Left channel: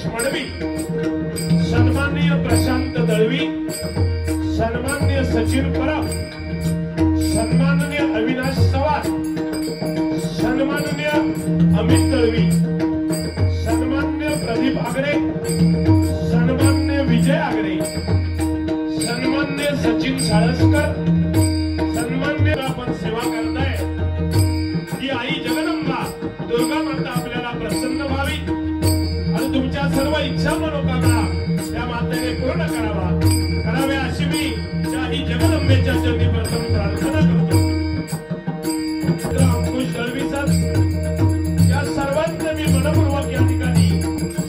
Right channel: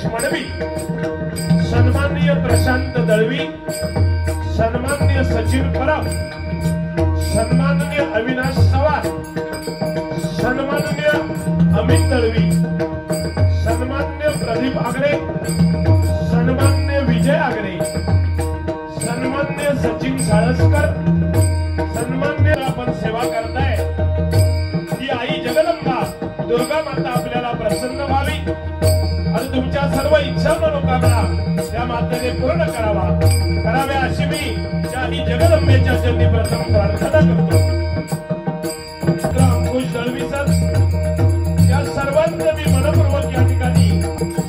गणेश मडवी, सन्माननीय प्रशांत दळवी, सन्माननीय सचिन परब, सन्माननीय अविनाश सवार, सन्माननीय अमित दळवी, सन्माननीय प्रदीप आगरे, सन्माननीय विजय आगरे, सन्माननीय सचिन साळसकर, सन्माननीय आपण सेवा करताय ती आई जगदंबा दुर्गा माता आपल्याला प्रसन्न व्हावी आणि तुमच्या सर्व इच्छा मनोकामना त्या मातेने पूर्ण कराव्या अशी मी त्या ही जगदंबेच्या चरणी प्रथम प्रार्थना करतो। अंकुश दळवी सर या सर्वांचे मी मनपूर्वक या ठिकाणी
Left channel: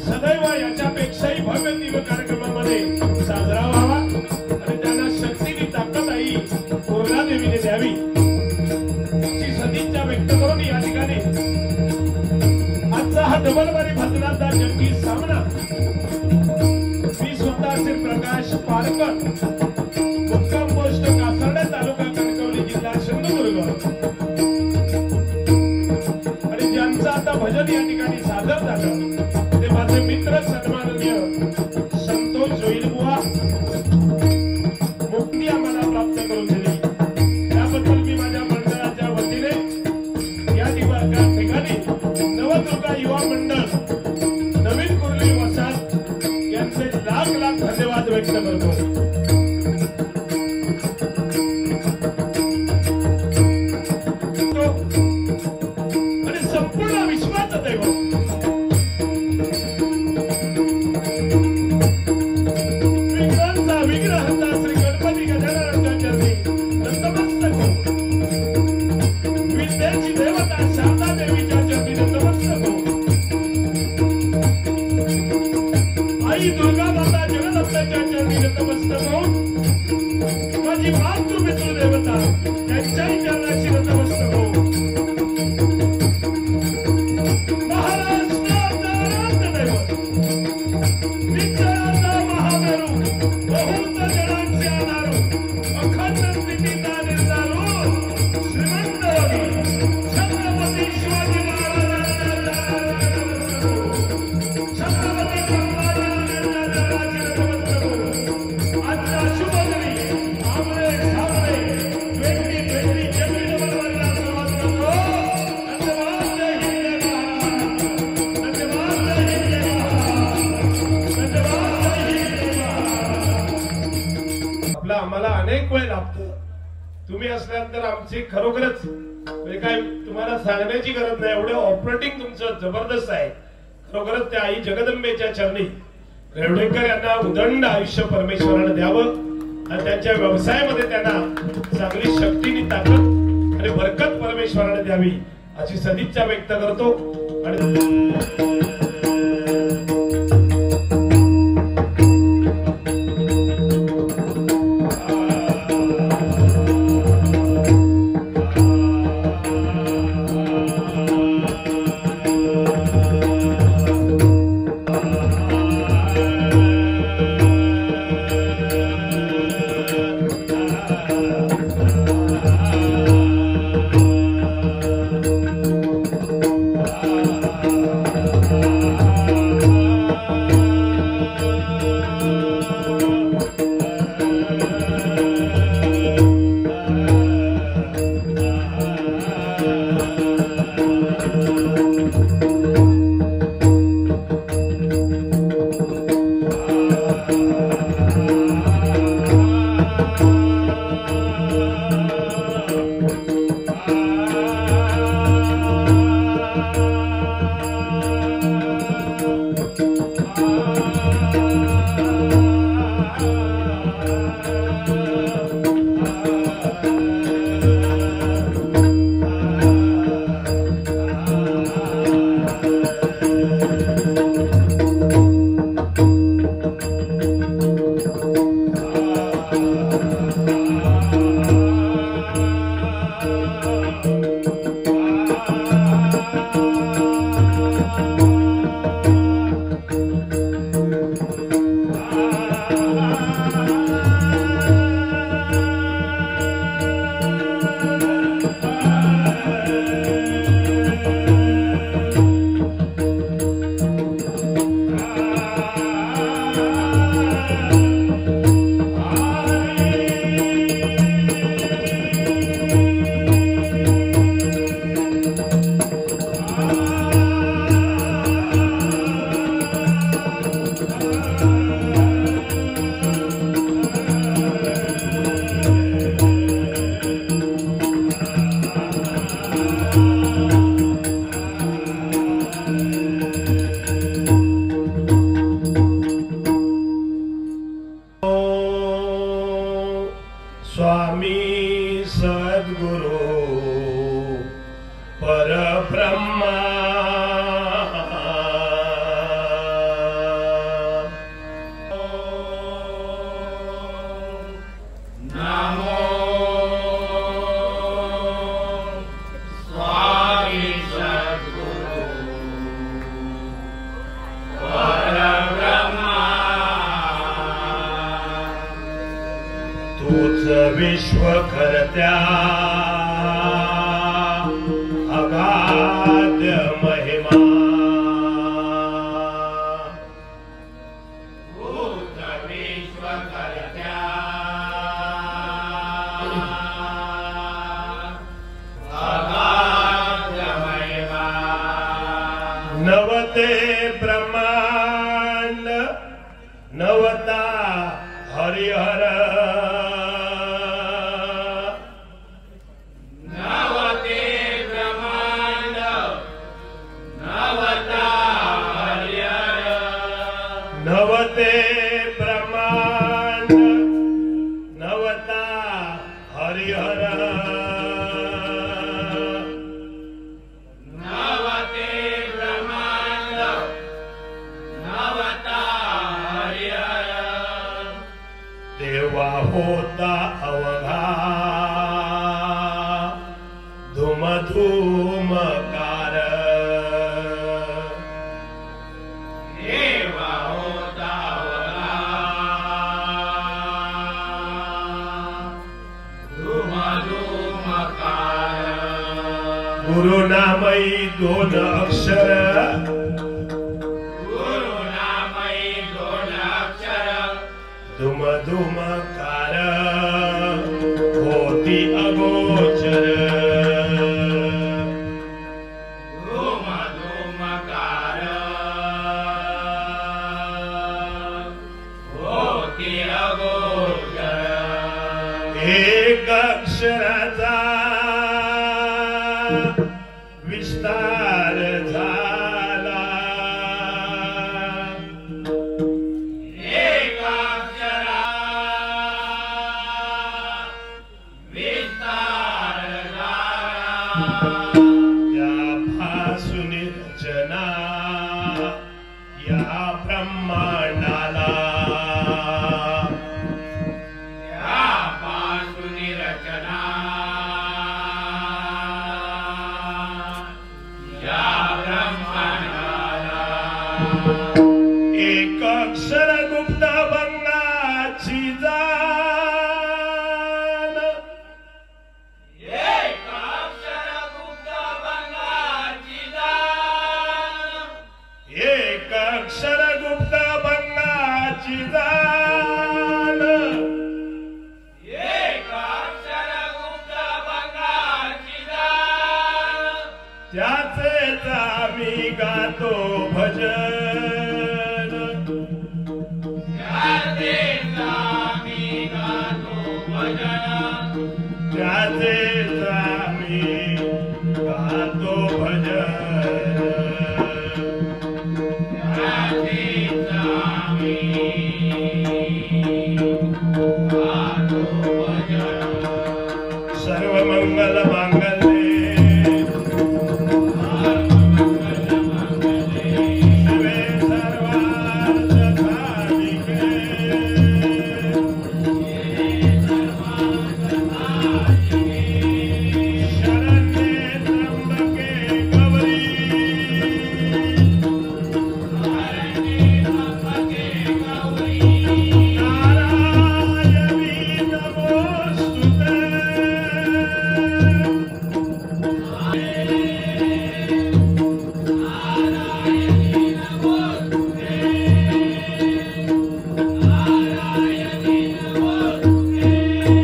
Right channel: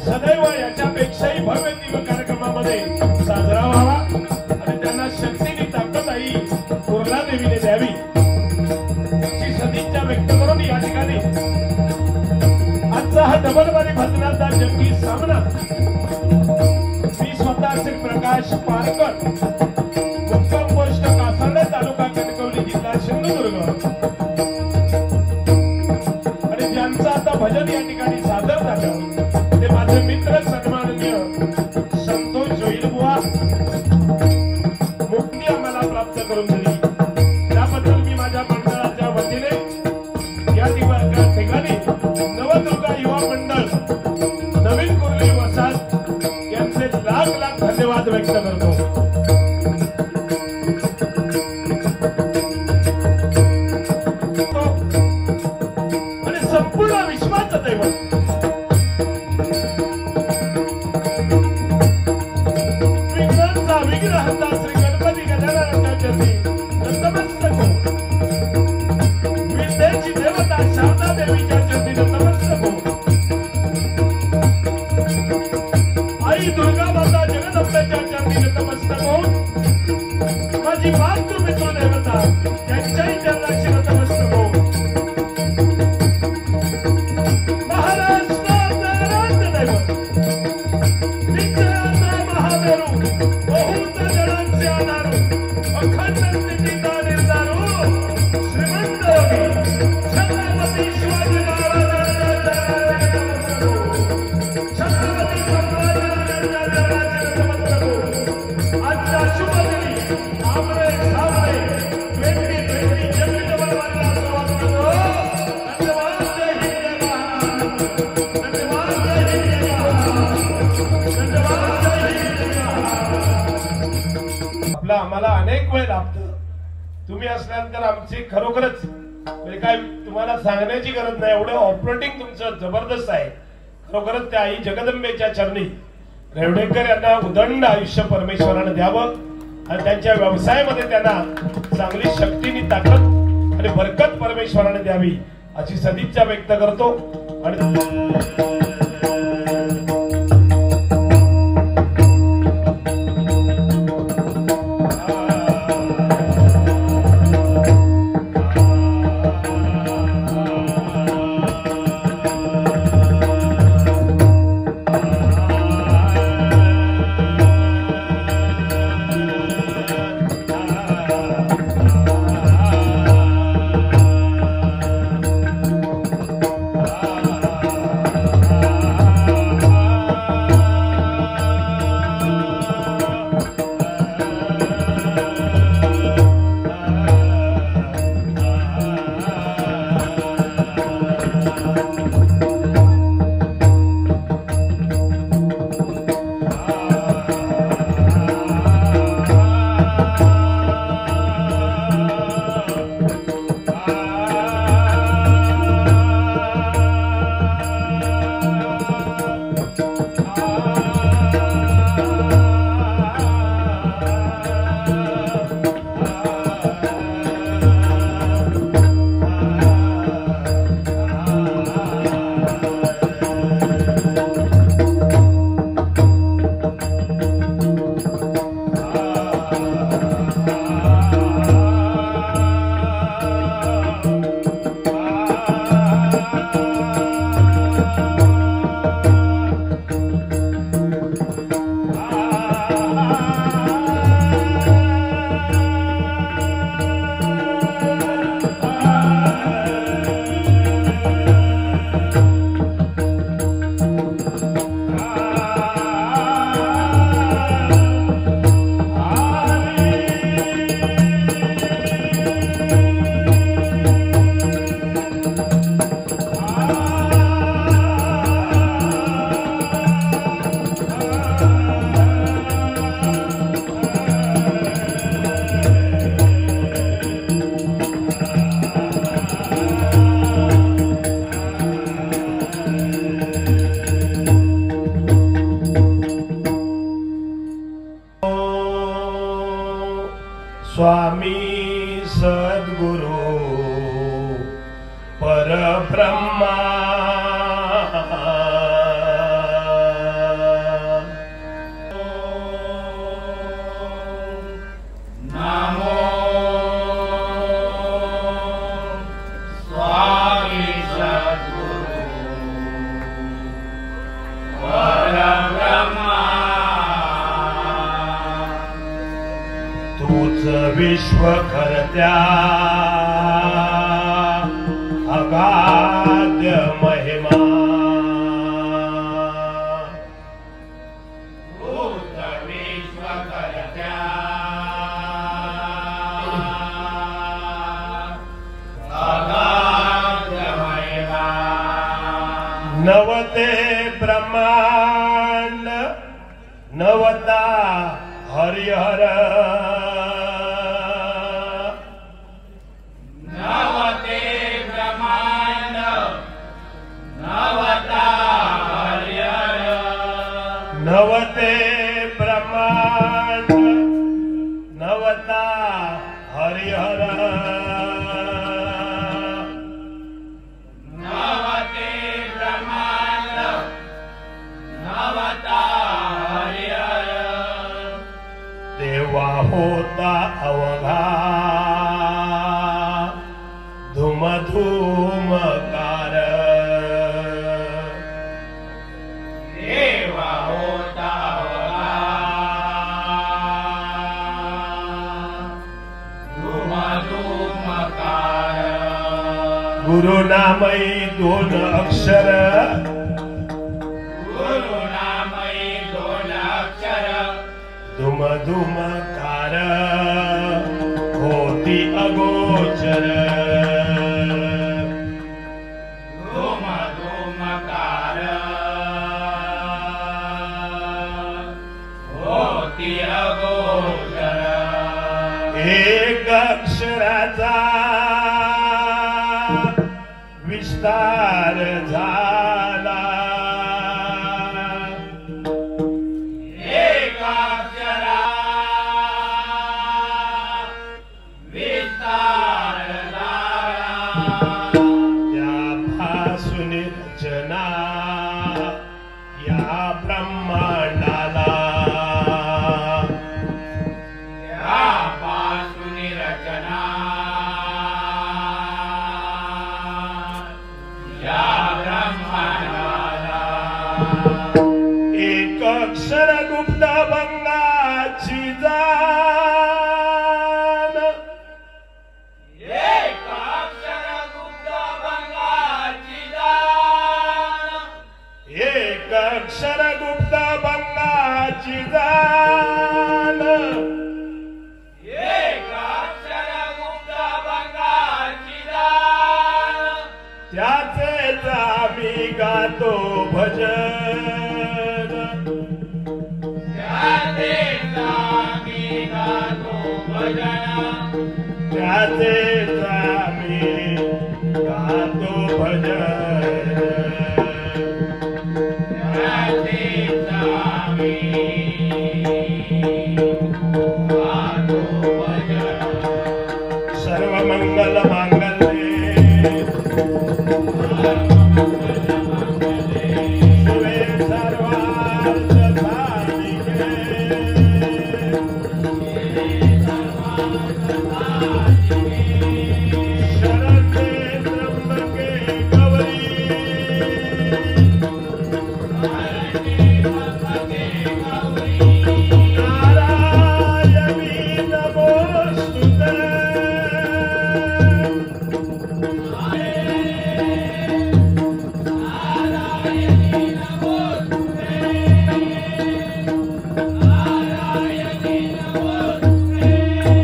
सदैव याच्यापेक्षाही भव्य दिव्य कार्यक्रमामध्ये साजरा व्हावा आणि त्यांना शक्तीने ताकद आई दुर्गा देवीने द्यावी अशी सदिच्छा व्यक्त करून या ठिकाणी आजचा हा डबलबारी भजनाचा जंगी सामना मी स्वतः श्री प्रकाश पारकर, मुक्काम पोस्ट कासर्डे, तालुका कणकवली, जिल्हा सिंधुदुर्ग आणि ज्यांचं आता भजन या ठिकाणी सादर झालं ते माझे मित्र सन्माननीय संतोष जोईलबुवा मुक्ती आम्हाला प्राप्त करून दिली त्याबद्दल मी माझ्या मंडळाच्या वतीने या ठिकाणी नवदुर्गा युवा मंडळ नवीन कुर्ली वसाहत यांचे लाख लाख धन्यवाद व्यक्त करतो। आणि संपूर्ण विश्वाचं दैवत विघ्नांचा विघ्नहर्ता श्री गणपती गजाननाच्या चरणी नतमस्तक हो। विद्येची देवता शारदा देवीच्या चरणी नतमस्तक हो। आई दुर्गा माता जगदंबेच्या चरणी नतमस्तक हो। माझी मातृपितृ देवता त्यांच्याही चरणाशी नतमस्तक हो। आम्हाला अनेक वेळ लागतं तुम्ही असल्यानंतर आमची खरोखरच काय तुम्हाला सांगण्याची गरज नाही एवढं ऑपरेटिंग तुमचं जबरदस्त आहे। खरोखरच त्या आई जगदंबेच्या चरणी रेवडेकर यांना उदंड आयुष्य परमेश्वराने द्यावं आणि त्यांच्या व्यवसायामध्ये त्यांना चांगली शक्तीनी ताकद आणि बरकत परमेश्वराने द्यावी अशी सदिच्छा व्यक्त करतो। आणि विश्वकर्त्या अगाध्य महिमा नवते ब्रह्मांड नवता हरिहर नवते ब्रह्मांड नवता हरिहर नवते ब्रह्मांड नवता हरिहर देवा होता अवघा धुम धुमकार देवा होता अवघा धुम धुमकार गुरुनामई दोन अक्षर धुम धुमकार होती अगोचर धुम धुमकार होती अगोचर एक अक्षराचा विस्तार झाला यापासून रचना या ब्रह्मांडाला यापासून रचना या ब्रह्मांडाला एक अक्षर गुप्त भंगाची जाण एक अक्षर गुप्त भंगाची जाण एक अक्षर गुप्त भंगाची जाण एक अक्षर गुप्त भंगाची जाण त्याचेच आम्ही गातो भजन त्याचेच आम्ही गातो भजन त्याचेच आम्ही गातो भजन त्याचेच आम्ही गातो भजन सर्व मंगल मांगल्ये शिवे सर्वार्थ साधिके शरण्ये त्र्यंबके गौरी नारायणी नमोस्तुते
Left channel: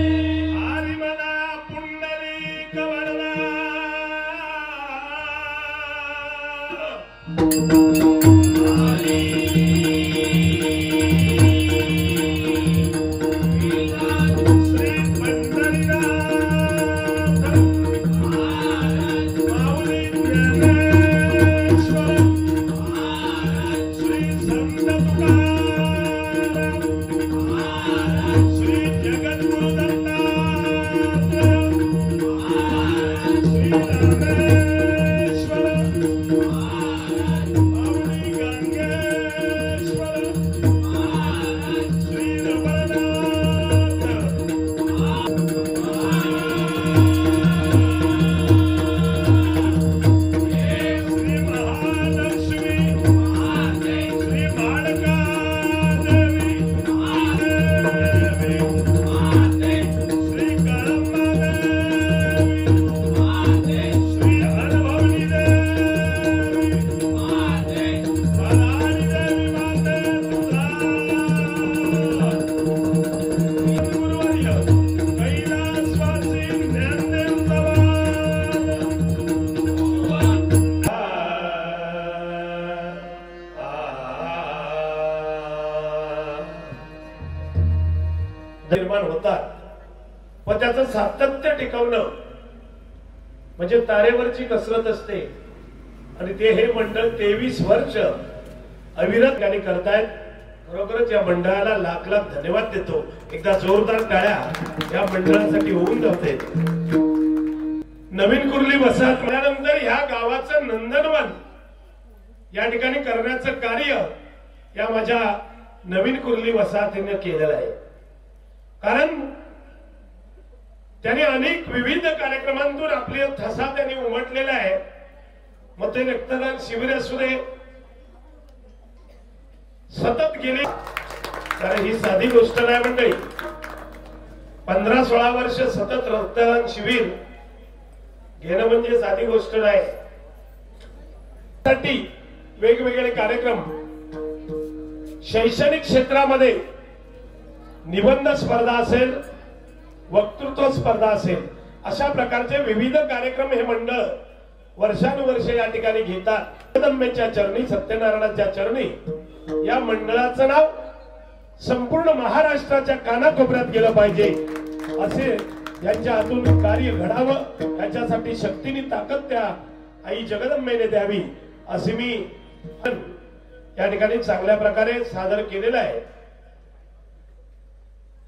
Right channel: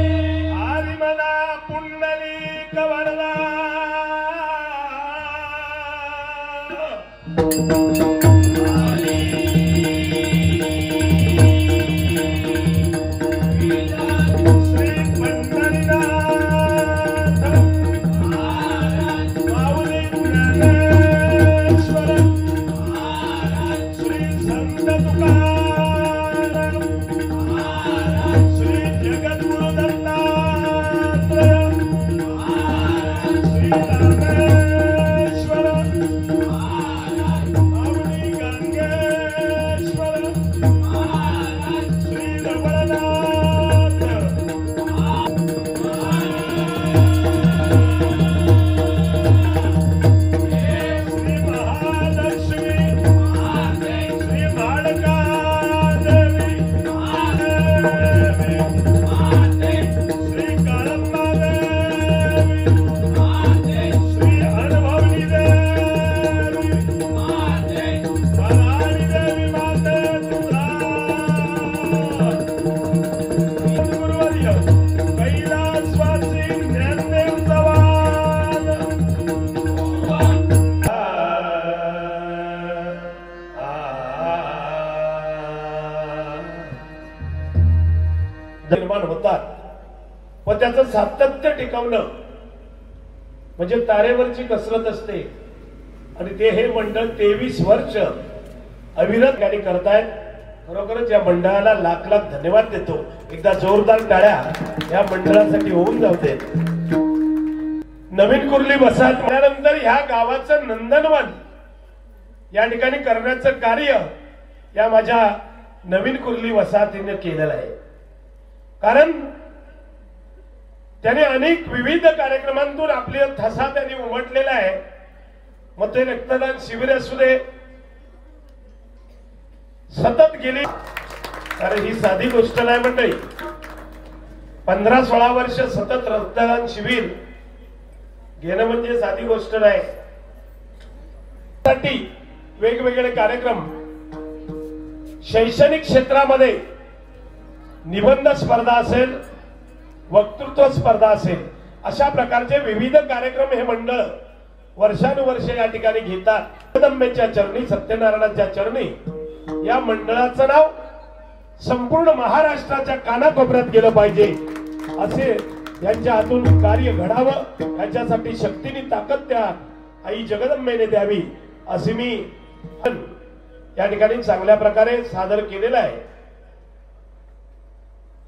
आदिमना पुंडलीक वरदा श्री पंढरीनाथ माऊली ज्ञानेश्वर श्री संत तुकाराम श्री जगद्गुरु दत्तात्रय श्री धर्मेश्वर माऊली निर्माण होतात, पण त्याचं सातत्य टिकवणं म्हणजे तारेवरची कसरत असते. आणि ते हे मंडळ 23 वर्ष अविरत गाणी करतायत. खरोखरच या मंडळाला लाख लाख धन्यवाद देतो. एकदा जोरदार टाळ्या या मंडळासाठी होऊन जाते. नवीन कुर्ली वसाहत झाल्यानंतर ह्या गावाचं नंदनवन या ठिकाणी करण्याचं कार्य या माझ्या नवीन कुर्ली वसाहतीने केलेलं आहे. कारण त्याने अनेक विविध कार्यक्रमांतून आपले ठसा त्यांनी उमटलेला आहे. मग ते रक्तदान शिबिर असू दे, सतत गेली, कारण ही साधी गोष्ट नाही मंडळी. 15-16 वर्ष सतत रक्तदान शिबिर घेणं म्हणजे साधी गोष्ट नाही. साठी वेगवेगळे कार्यक्रम, शैक्षणिक क्षेत्रामध्ये निबंध स्पर्धा असेल, वक्तृत्व स्पर्धा असेल, अशा प्रकारचे विविध कार्यक्रम हे मंडळ वर्षानुवर्ष या ठिकाणी घेतात. जगदंबेच्या चरणी, सत्यनारायणाच्या चरणी या मंडळाचं नाव संपूर्ण महाराष्ट्राच्या कानाकोपऱ्यात गेलं पाहिजे, असे यांच्या हातून कार्य घडावं, याच्यासाठी शक्तीने ताकद त्या आई जगदंबेने द्यावी, असे मी या ठिकाणी चांगल्या प्रकारे सादर केलेलं आहे.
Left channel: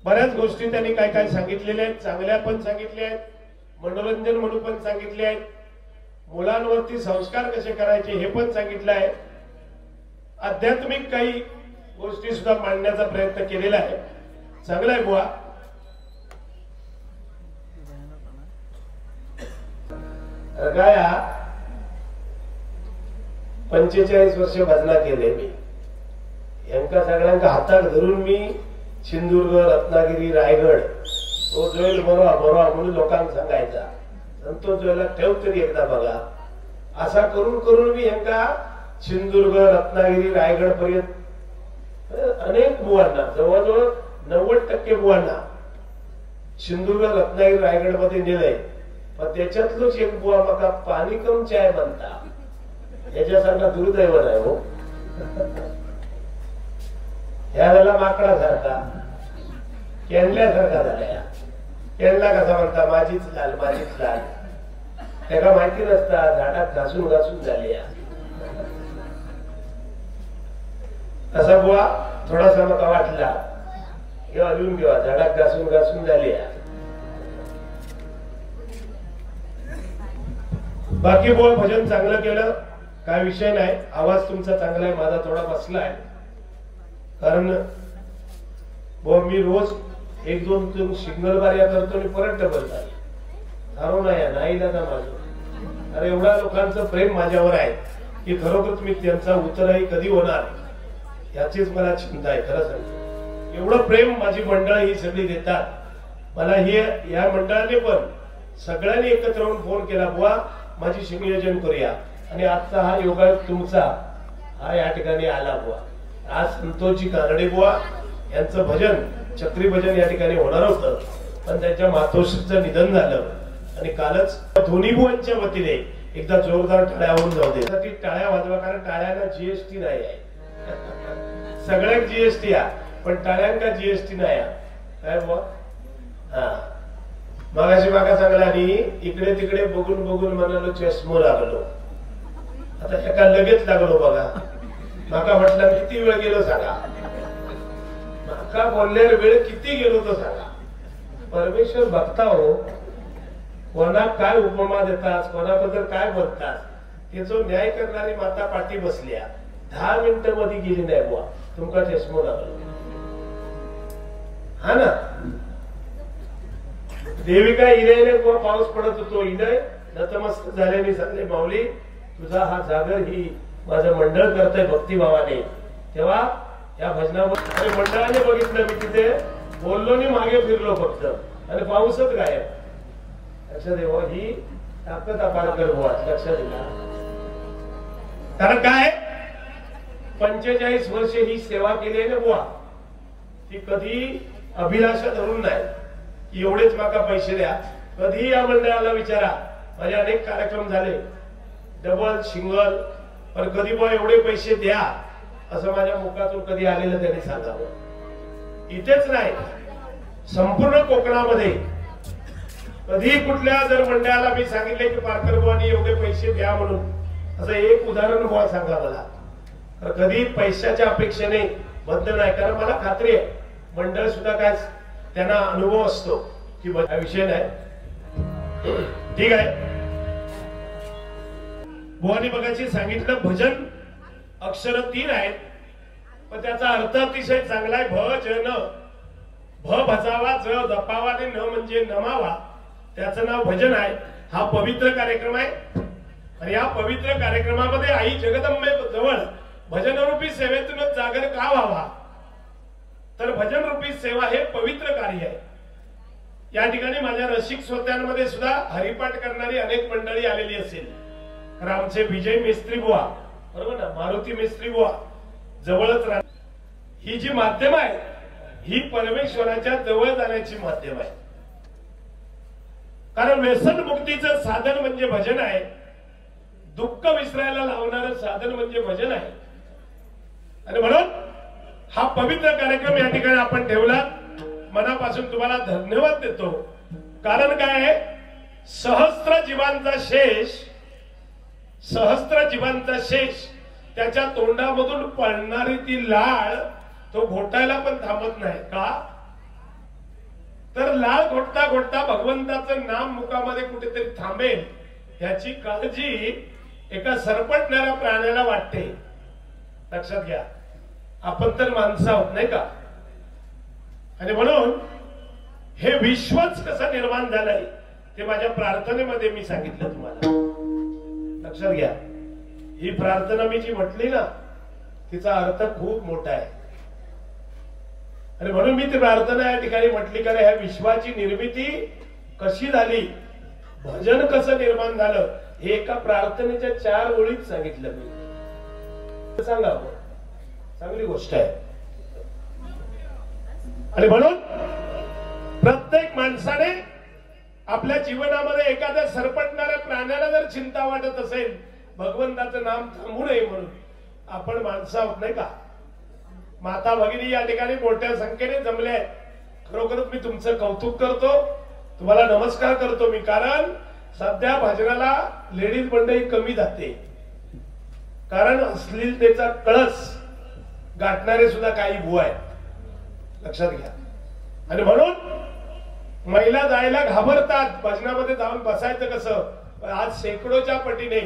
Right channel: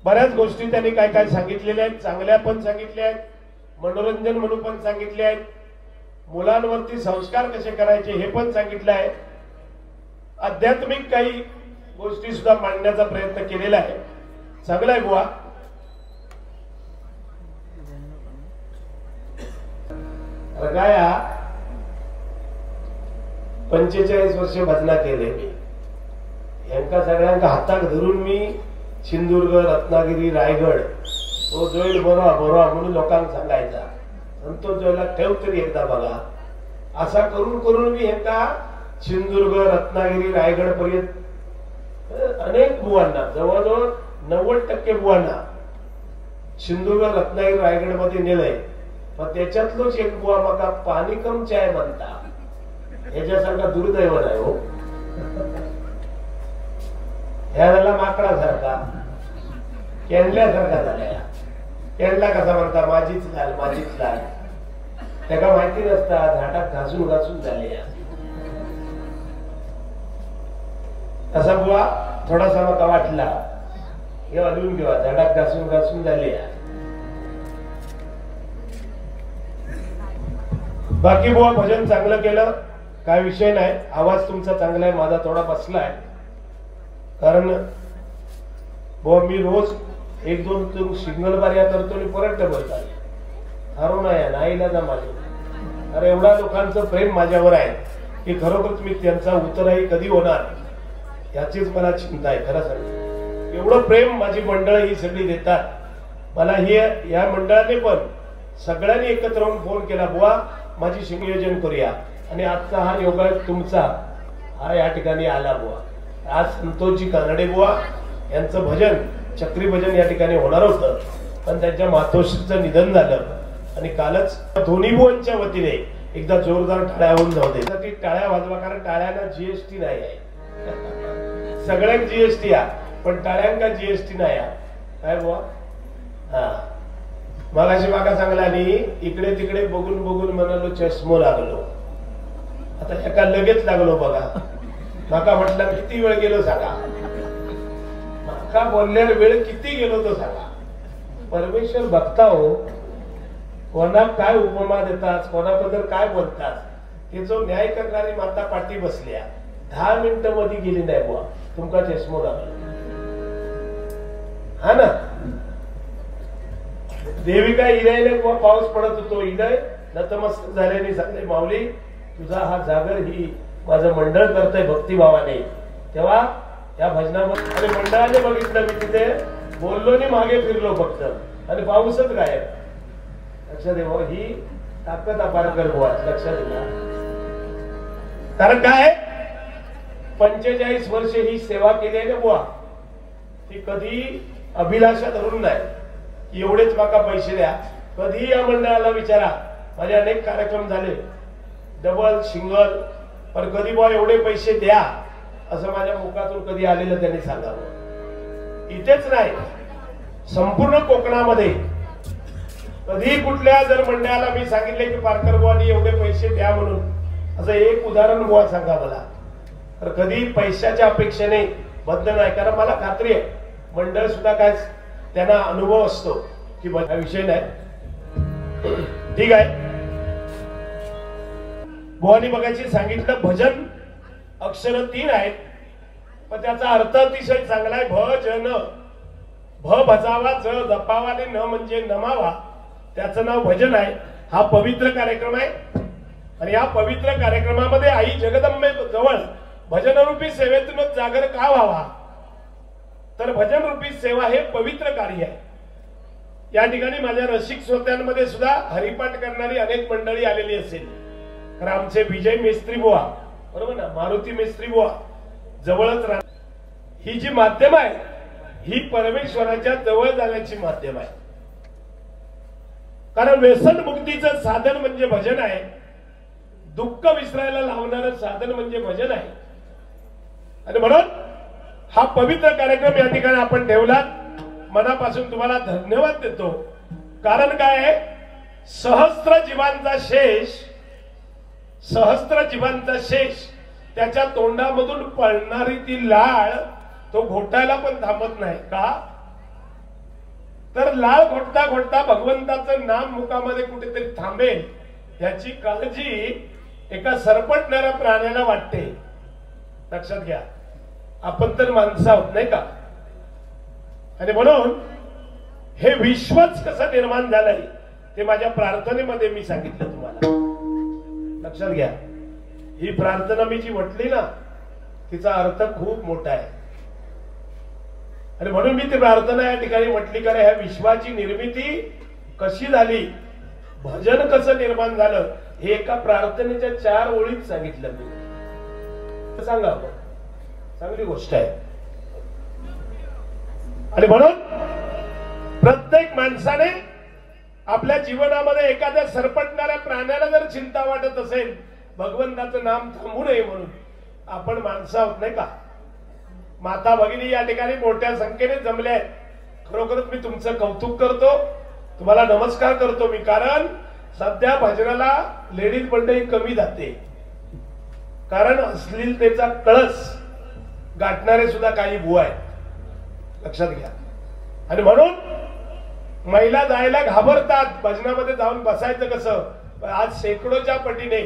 बऱ्याच गोष्टी त्यांनी काय काय सांगितलेल्या आहेत, चांगल्या पण सांगितल्या आहेत, मनोरंजन म्हणून पण सांगितले आहेत, मुलांवरती संस्कार कसे करायचे हे पण सांगितलं आहे, आध्यात्मिक काही गोष्टी सुद्धा मांडण्याचा प्रयत्न केलेला आहे. चांगला आहे बुवा. काय 45 वर्ष भजना केले मी. यांका सगळ्यांका हातात धरून मी सिंधुदुर्ग, रत्नागिरी, रायगड तो जोईल बरोवा बरोवा म्हणून लोकांना सांगायचा. संतोष जोयला ठेव तरी एकदा बघा. असा करून करून मी यांका सिंधुदुर्ग, रत्नागिरी, रायगड पर्यंत अनेक बुवांना, जवळजवळ 90% बुवांना सिंधुदुर्ग, रत्नागिरी, रायगड मध्ये नेलंय. पण त्याच्यातलोच एक बुवा मका पाणी कम चाय बनता, याच्यासारखा दुर्दैव नाही हो. ह्या झाला माकडासारखा, केंडल्यासारखा झाल्या. केंडला कसा म्हणता, माझीच लाल माझीच लाल. त्याला माहिती नसता झाडात घासून घासून झाले. तसा बुवा थोडासा मका वाटला, हे लिहून घेवा, झाडात घासून घासून झाले. बाकी बुवा भजन चांगलं केलं, काय विषय नाही. आवाज तुमचा चांगला आहे, माझा थोडा बसलाय. कारण बुवा मी रोज 1-2 सिग्नल बाऱ्या करतो आणि परत डबल ठरवून नाहीला ना माझं. अरे एवढा लोकांचं प्रेम माझ्यावर आहे की खरोखर मी त्यांचा उतरही कधी होणार याचीच मला चिंता आहे. खरं सांगतो, एवढं प्रेम माझी मंडळ ही सगळी देतात मला. हे या मंडळाने पण सगळ्यांनी एकत्र होऊन फोन केला, बुवा माझी संयोजन करूया. आणि आजचा हा योगायोग तुमचा हा या ठिकाणी आला बुवा. आज संतोषजी कानडे बुवा यांचं भजन, चक्री भजन या ठिकाणी होणार होतं, पण त्यांच्या मातोश्रीचं निधन झालं. आणि कालच दोन्ही बुवांच्या वतीने एकदा जोरदार टाळ्या होऊन जाऊ दे. ती टाळ्या वाजवा, कारण टाळ्यांना जीएसटी नाही आहे. सगळ्यात जीएसटी आहे, पण टाळ्यांका जीएसटी नाही आहे. काय बुवा? हा मगाशी मागा चांगला आणि इकडे तिकडे बघून बघून म्हणालो चष्मो लागलो. आता एका लगेच लागलो बघा. माका म्हटलं किती वेळ गेलो सांगा, माका बोललेला वेळ किती गेलो तो सांगा. परमेश्वर बघता हो, कोणा काय उपमा देतात, कोणाबद्दल काय बोलतात, ते जो न्याय करणारी माता पाठी बसल्या 10 मिनिटं मध्ये गेली नाही बुवा, तुमका चष्मो लागलो. हा ना, देविका इरेने पाऊस पडत होतो, इडय नतमस्तक झाल्याने सांगले, माऊली तुझा हा जागर ही माझं मंडळ करतंय भक्तिभावाने. तेव्हा या भजनामध्ये मंडळाने बघितलं, मी तिथे बोललो आणि मागे फिरलो फक्त, आणि पाऊसच गायब. लक्षात देव, ही ताकद अपार कर बुवा, लक्षात दिला. कारण काय 45 वर्ष ही सेवा केली आहे ना बुवा, ती कधी अभिलाषा धरून नाही एवढेच माका पैसे द्या. कधी या मंडळाला विचारा, माझे अनेक कार्यक्रम झाले डबल सिंगल, पण कधी बुवा एवढे पैसे द्या असं माझ्या मुखातून कधी आलेलं त्यांनी सांगावं. इथेच नाही, संपूर्ण कोकणामध्ये कधी कुठल्या जर मंडळाला मी सांगितले की पारकर बुवांनी एवढे पैसे द्या म्हणून असं एक उदाहरण बुवा सांगा मला, तर कधी पैशाच्या अपेक्षेने बंद नाही. कारण मला खात्री आहे मंडळ सुद्धा काय त्यांना अनुभव असतो की हा विषय नाही. ठीक आहे, बुवानी बघायची सांगितलं भजन अक्षर 3 आहेत, पण त्याचा अर्थ अतिशय चांगला आहे. भजन, भ भजावा, ज जपावा आणि न म्हणजे नमावा, त्याचं नाव भजन आहे. हा पवित्र कार्यक्रम आहे आणि या पवित्र कार्यक्रमामध्ये आई जगदंबे जवळ भजनरूपी सेवेतूनच जागर का व्हावा, तर भजन रूपी सेवा हे पवित्र कार्य आहे. या ठिकाणी माझ्या रसिक श्रोत्यांमध्ये सुद्धा हरिपाठ करणारी अनेक मंडळी आलेली असेल. तर आमचे विजय मेस्त्री बुवा, बरोबर ना, मारुती मेस्त्री बुवा जवळच राहतात. ही जी माध्यम आहे ही परमेश्वराच्या जवळ जाण्याची माध्यम आहे. कारण व्यसन मुक्तीचं साधन म्हणजे भजन आहे, दुःख विसरायला लावणारं साधन म्हणजे भजन आहे. आणि म्हणून हा पवित्र कार्यक्रम या ठिकाणी आपण ठेवला. मनापासून तुम्हाला धन्यवाद देतो. कारण काय आहे, सहस्त्र जीवांचा शेष त्याच्या तोंडामधून पळणारी ती लाळ तो घोटायला पण थांबत नाही का, तर लाळ घोटता घोटता भगवंताचं नाम मुखामध्ये कुठेतरी थांबेल याची काळजी एका सरपटणाऱ्या प्राण्याला वाटते. लक्षात घ्या, आपण तर माणसं आहोत नाही का. आणि म्हणून हे विश्वच कसं निर्माण झालंय ते माझ्या प्रार्थनेमध्ये मी सांगितलं तुम्हाला. लक्षात घ्या, ही प्रार्थना मी जी म्हटली ना तिचा अर्थ खूप मोठा आहे. आणि म्हणून मी ती प्रार्थना या ठिकाणी म्हटली, कारण ह्या विश्वाची निर्मिती कशी झाली, भजन कसं निर्माण झालं, हे एका प्रार्थनेच्या 4 ओळीत सांगितलं मी. सांगा, चांगली गोष्ट आहे. आणि म्हणून प्रत्येक माणसाने आपल्या जीवनामध्ये एखाद्या सरपटणाऱ्या प्राण्याला जर चिंता वाटत असेल भगवंताचं नाम थांबू नये म्हणून, आपण माणसं आहोत नाही का. माता भगिनी या ठिकाणी मोठ्या संख्येने जमल्या आहेत. खरोखरच मी तुमचं कौतुक करतो, तुम्हाला नमस्कार करतो मी. कारण सध्या भजनाला लेडीज मंडळी कमी जाते, कारण अश्लीलतेचा कळस गाठणारे सुद्धा काही बुवा आहेत. लक्षात घ्या. आणि म्हणून महिला जायला घाबरतात, भजनामध्ये जाऊन बसायचं कसं. आज शेकडोच्या पटीने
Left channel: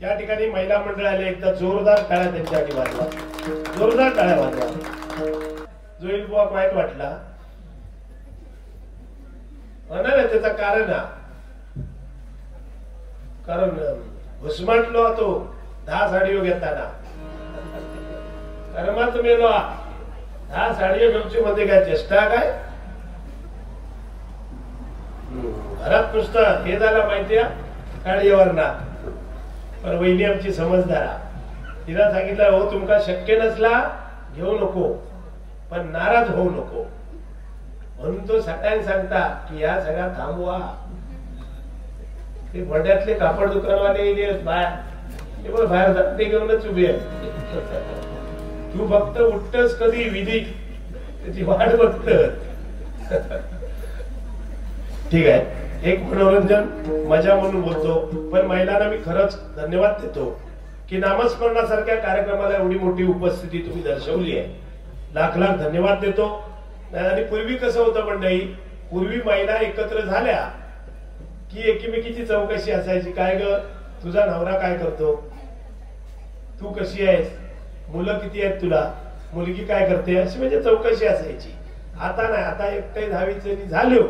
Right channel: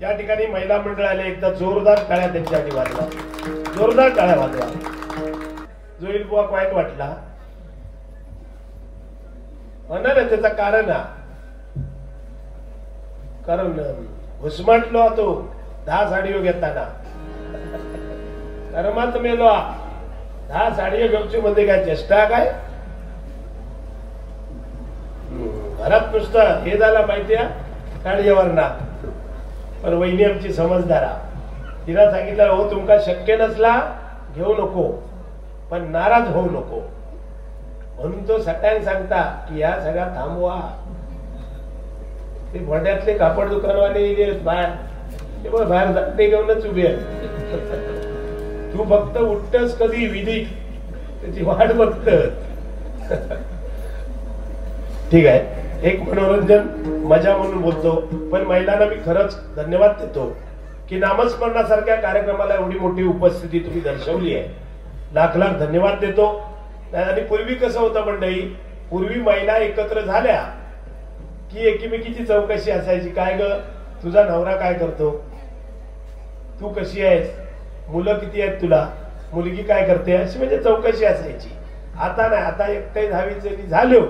या ठिकाणी महिला मंडळ आले. एकदा जोरदार टाळ्या त्यांच्यासाठी वाजवा, जोरदार टाळ्या वाजवा. जोईल बुवा वाईट वाटला होणार आहे, त्याचं कारण कारण घुसमटलो तो 10 साडीओ घेताना. अरे मग तुम्ही 10 साडीओ घेऊची मध्ये काय चेष्टा काय. घरात नुसतं हे झालं माहिती आहे काळीवर ना. पण वहिनी आमची समजदारा, तिला सांगितलं हो तुमका शक्य नसला घेऊ नको, पण नाराज होऊ नको. म्हणून तो सगळ्यांना सांगता की या सगळ्या थांबवा. ते भड्यातले कापड दुकानवाले बाहेर बाहेर जाते घेऊनच उभी आहे. तू फक्त उठतस कधी विधी त्याची वाट बघत. ठीक आहे, एक मनोरंजन मजा म्हणून बोलतो, पण महिलांना मी खरंच धन्यवाद देतो की नामस्मरणासारख्या कार्यक्रमाला एवढी मोठी उपस्थिती तुम्ही दर्शवली आहे. लाख लाख धन्यवाद देतो. आणि पूर्वी कसं होतं मंडळी, पूर्वी महिला एकत्र झाल्या की एकीमेकीची चौकशी असायची. काय ग तुझा नवरा काय करतो, तू कशी आहेस, मुलं किती आहेत तुला, मुलगी काय करते, अशी म्हणजे चौकशी असायची. आता नाही, आता एकटे 10वीचे झालो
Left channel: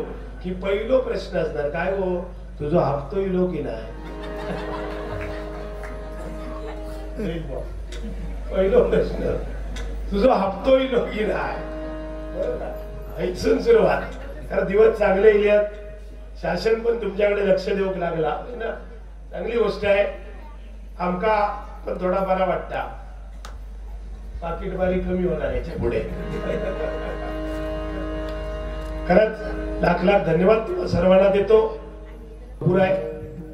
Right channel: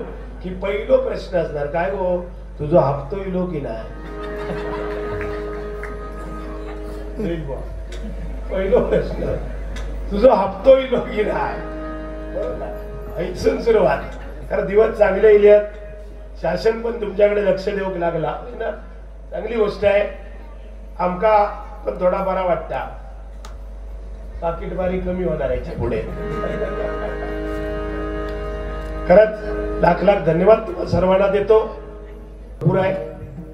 की पहिलो प्रश्न असणार काय हो तुझा हप्तो इलो की नाही. पहिलो प्रश्न तुझा हप्तो इलो की नाही. ऐसून सुरुवात. कारण दिवस चांगले येत, शासन पण तुमच्याकडे लक्ष देऊ लागला ना, चांगली गोष्ट आहे. आमका पण थोडा बरा वाटता, पाकिटबारी कमी होणार याच्या पुढे. खरंच लाख लाख धन्यवाद तुम्हाला सर्वांना देतो. भरपूर आहे,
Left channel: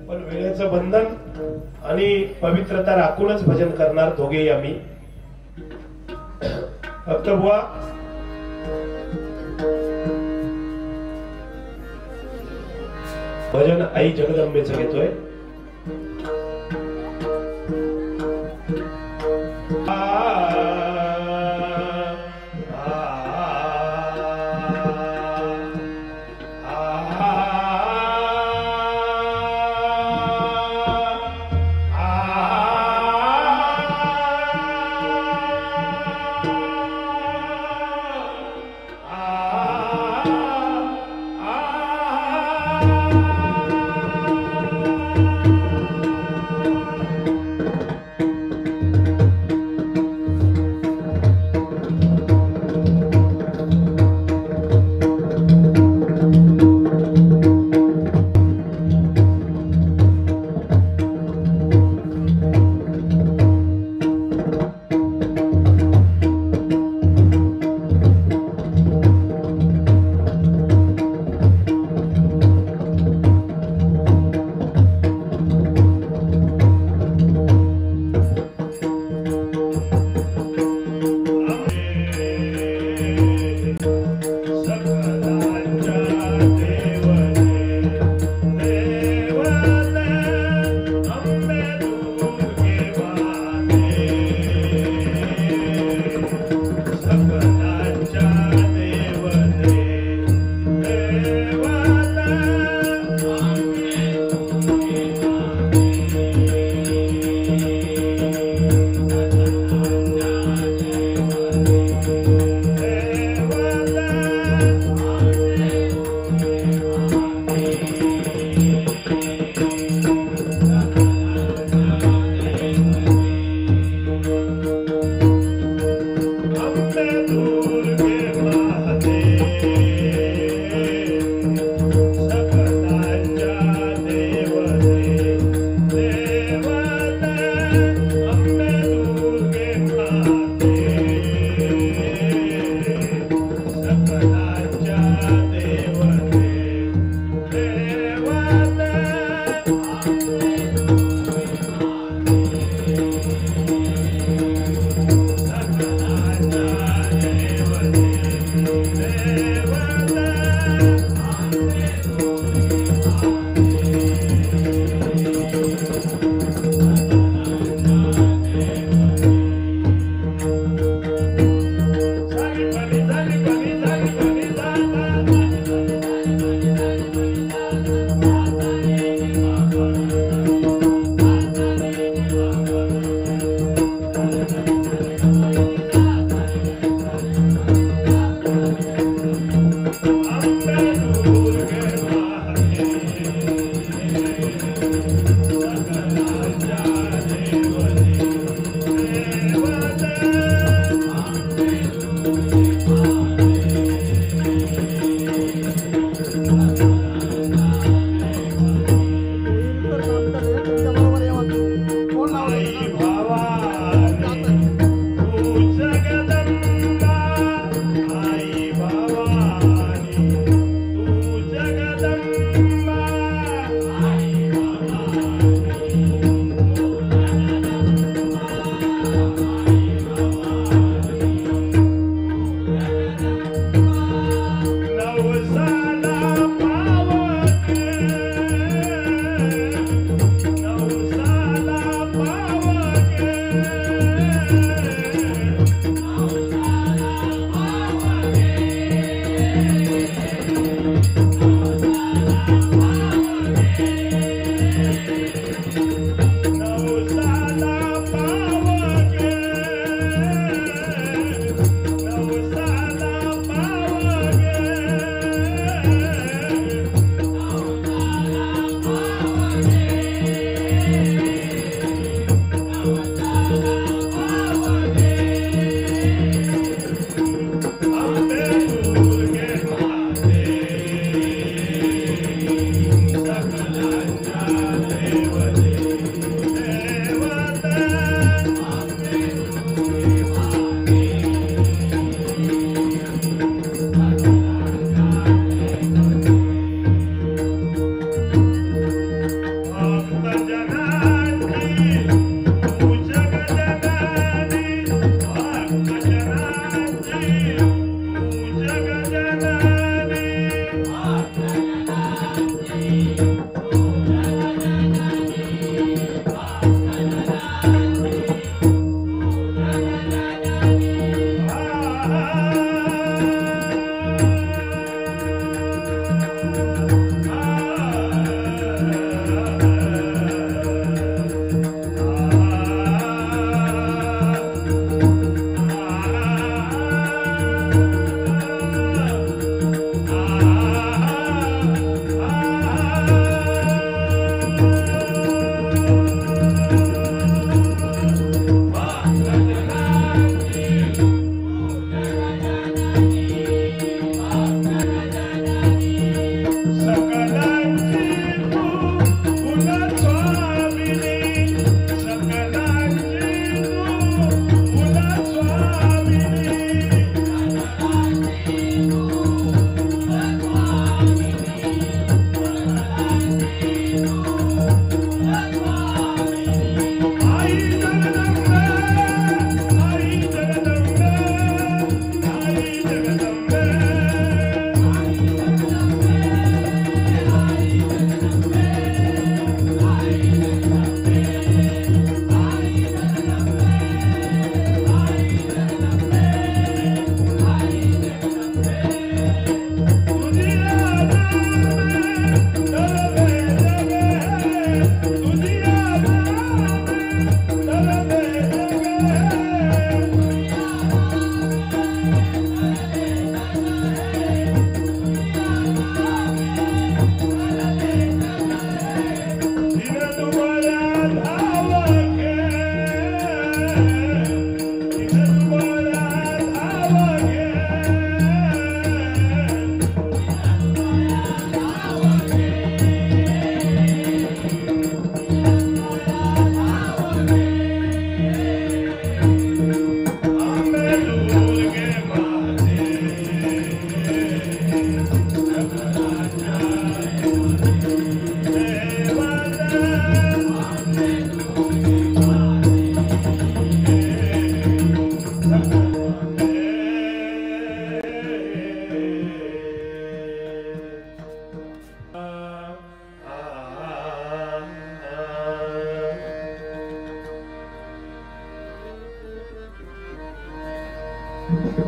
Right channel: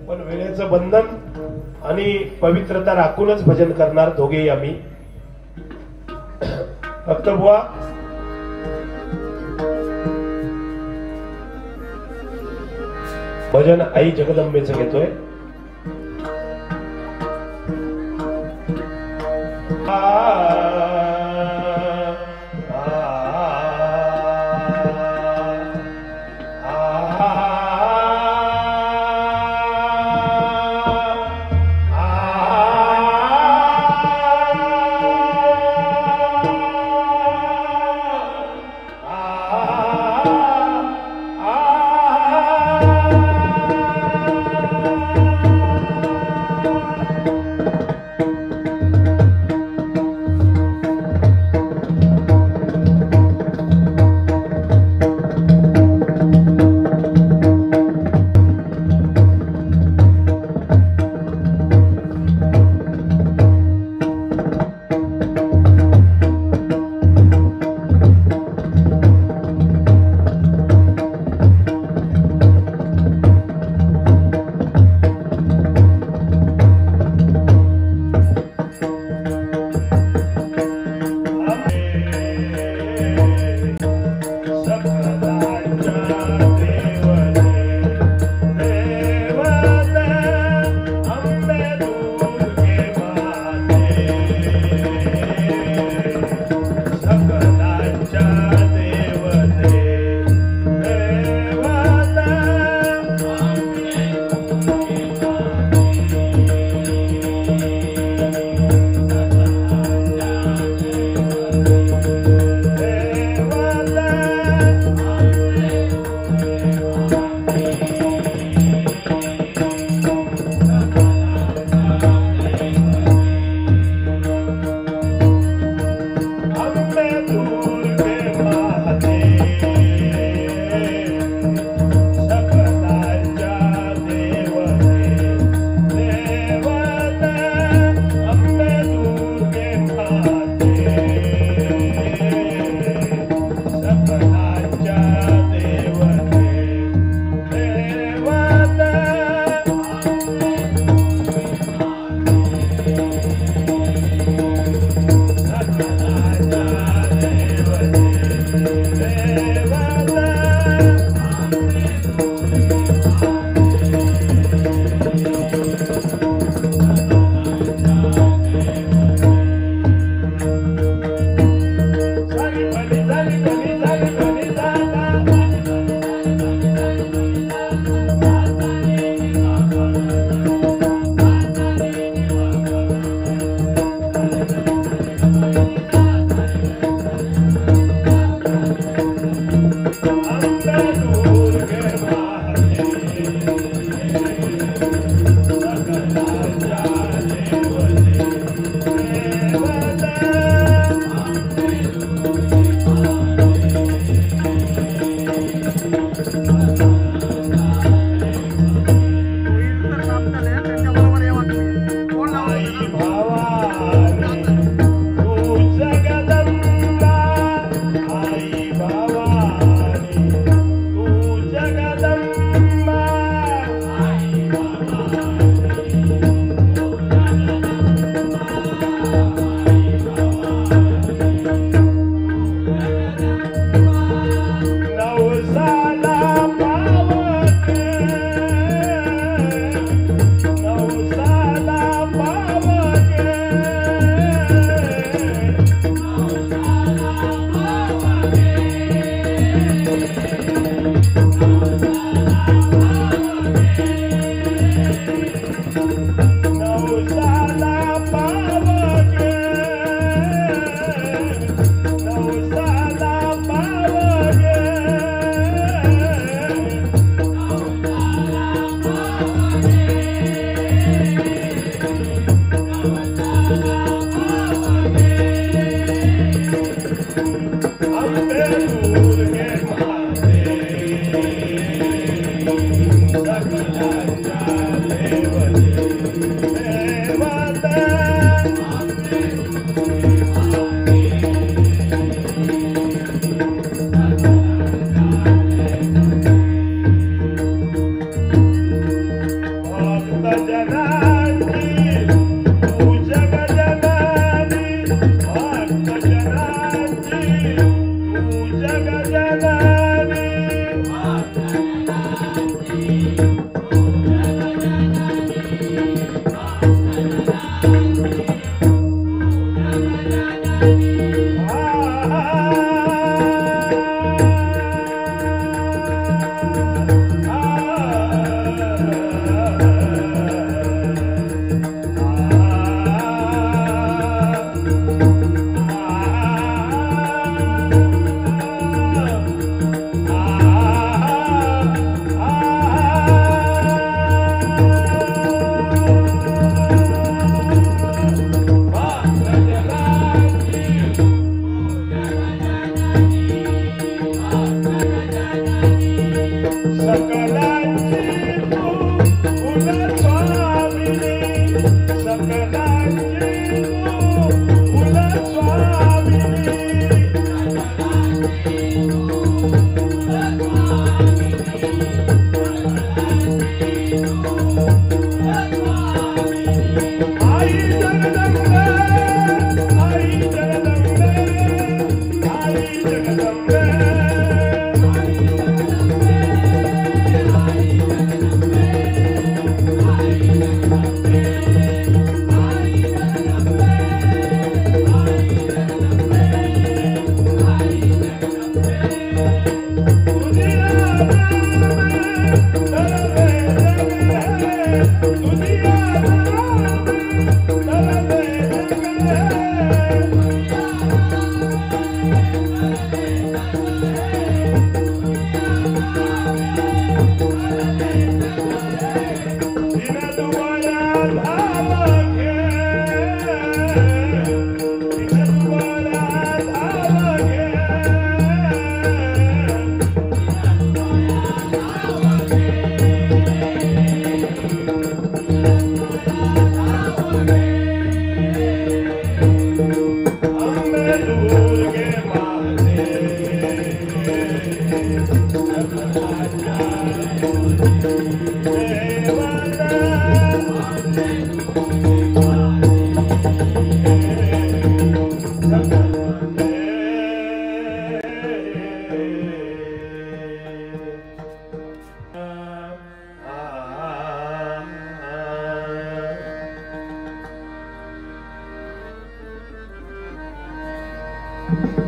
पण वेळेचं बंधन आणि पवित्रता राखूनच भजन करणार दोघेही आम्ही. फक्त बुवा भजन आई जगदंबेचं घेतोय.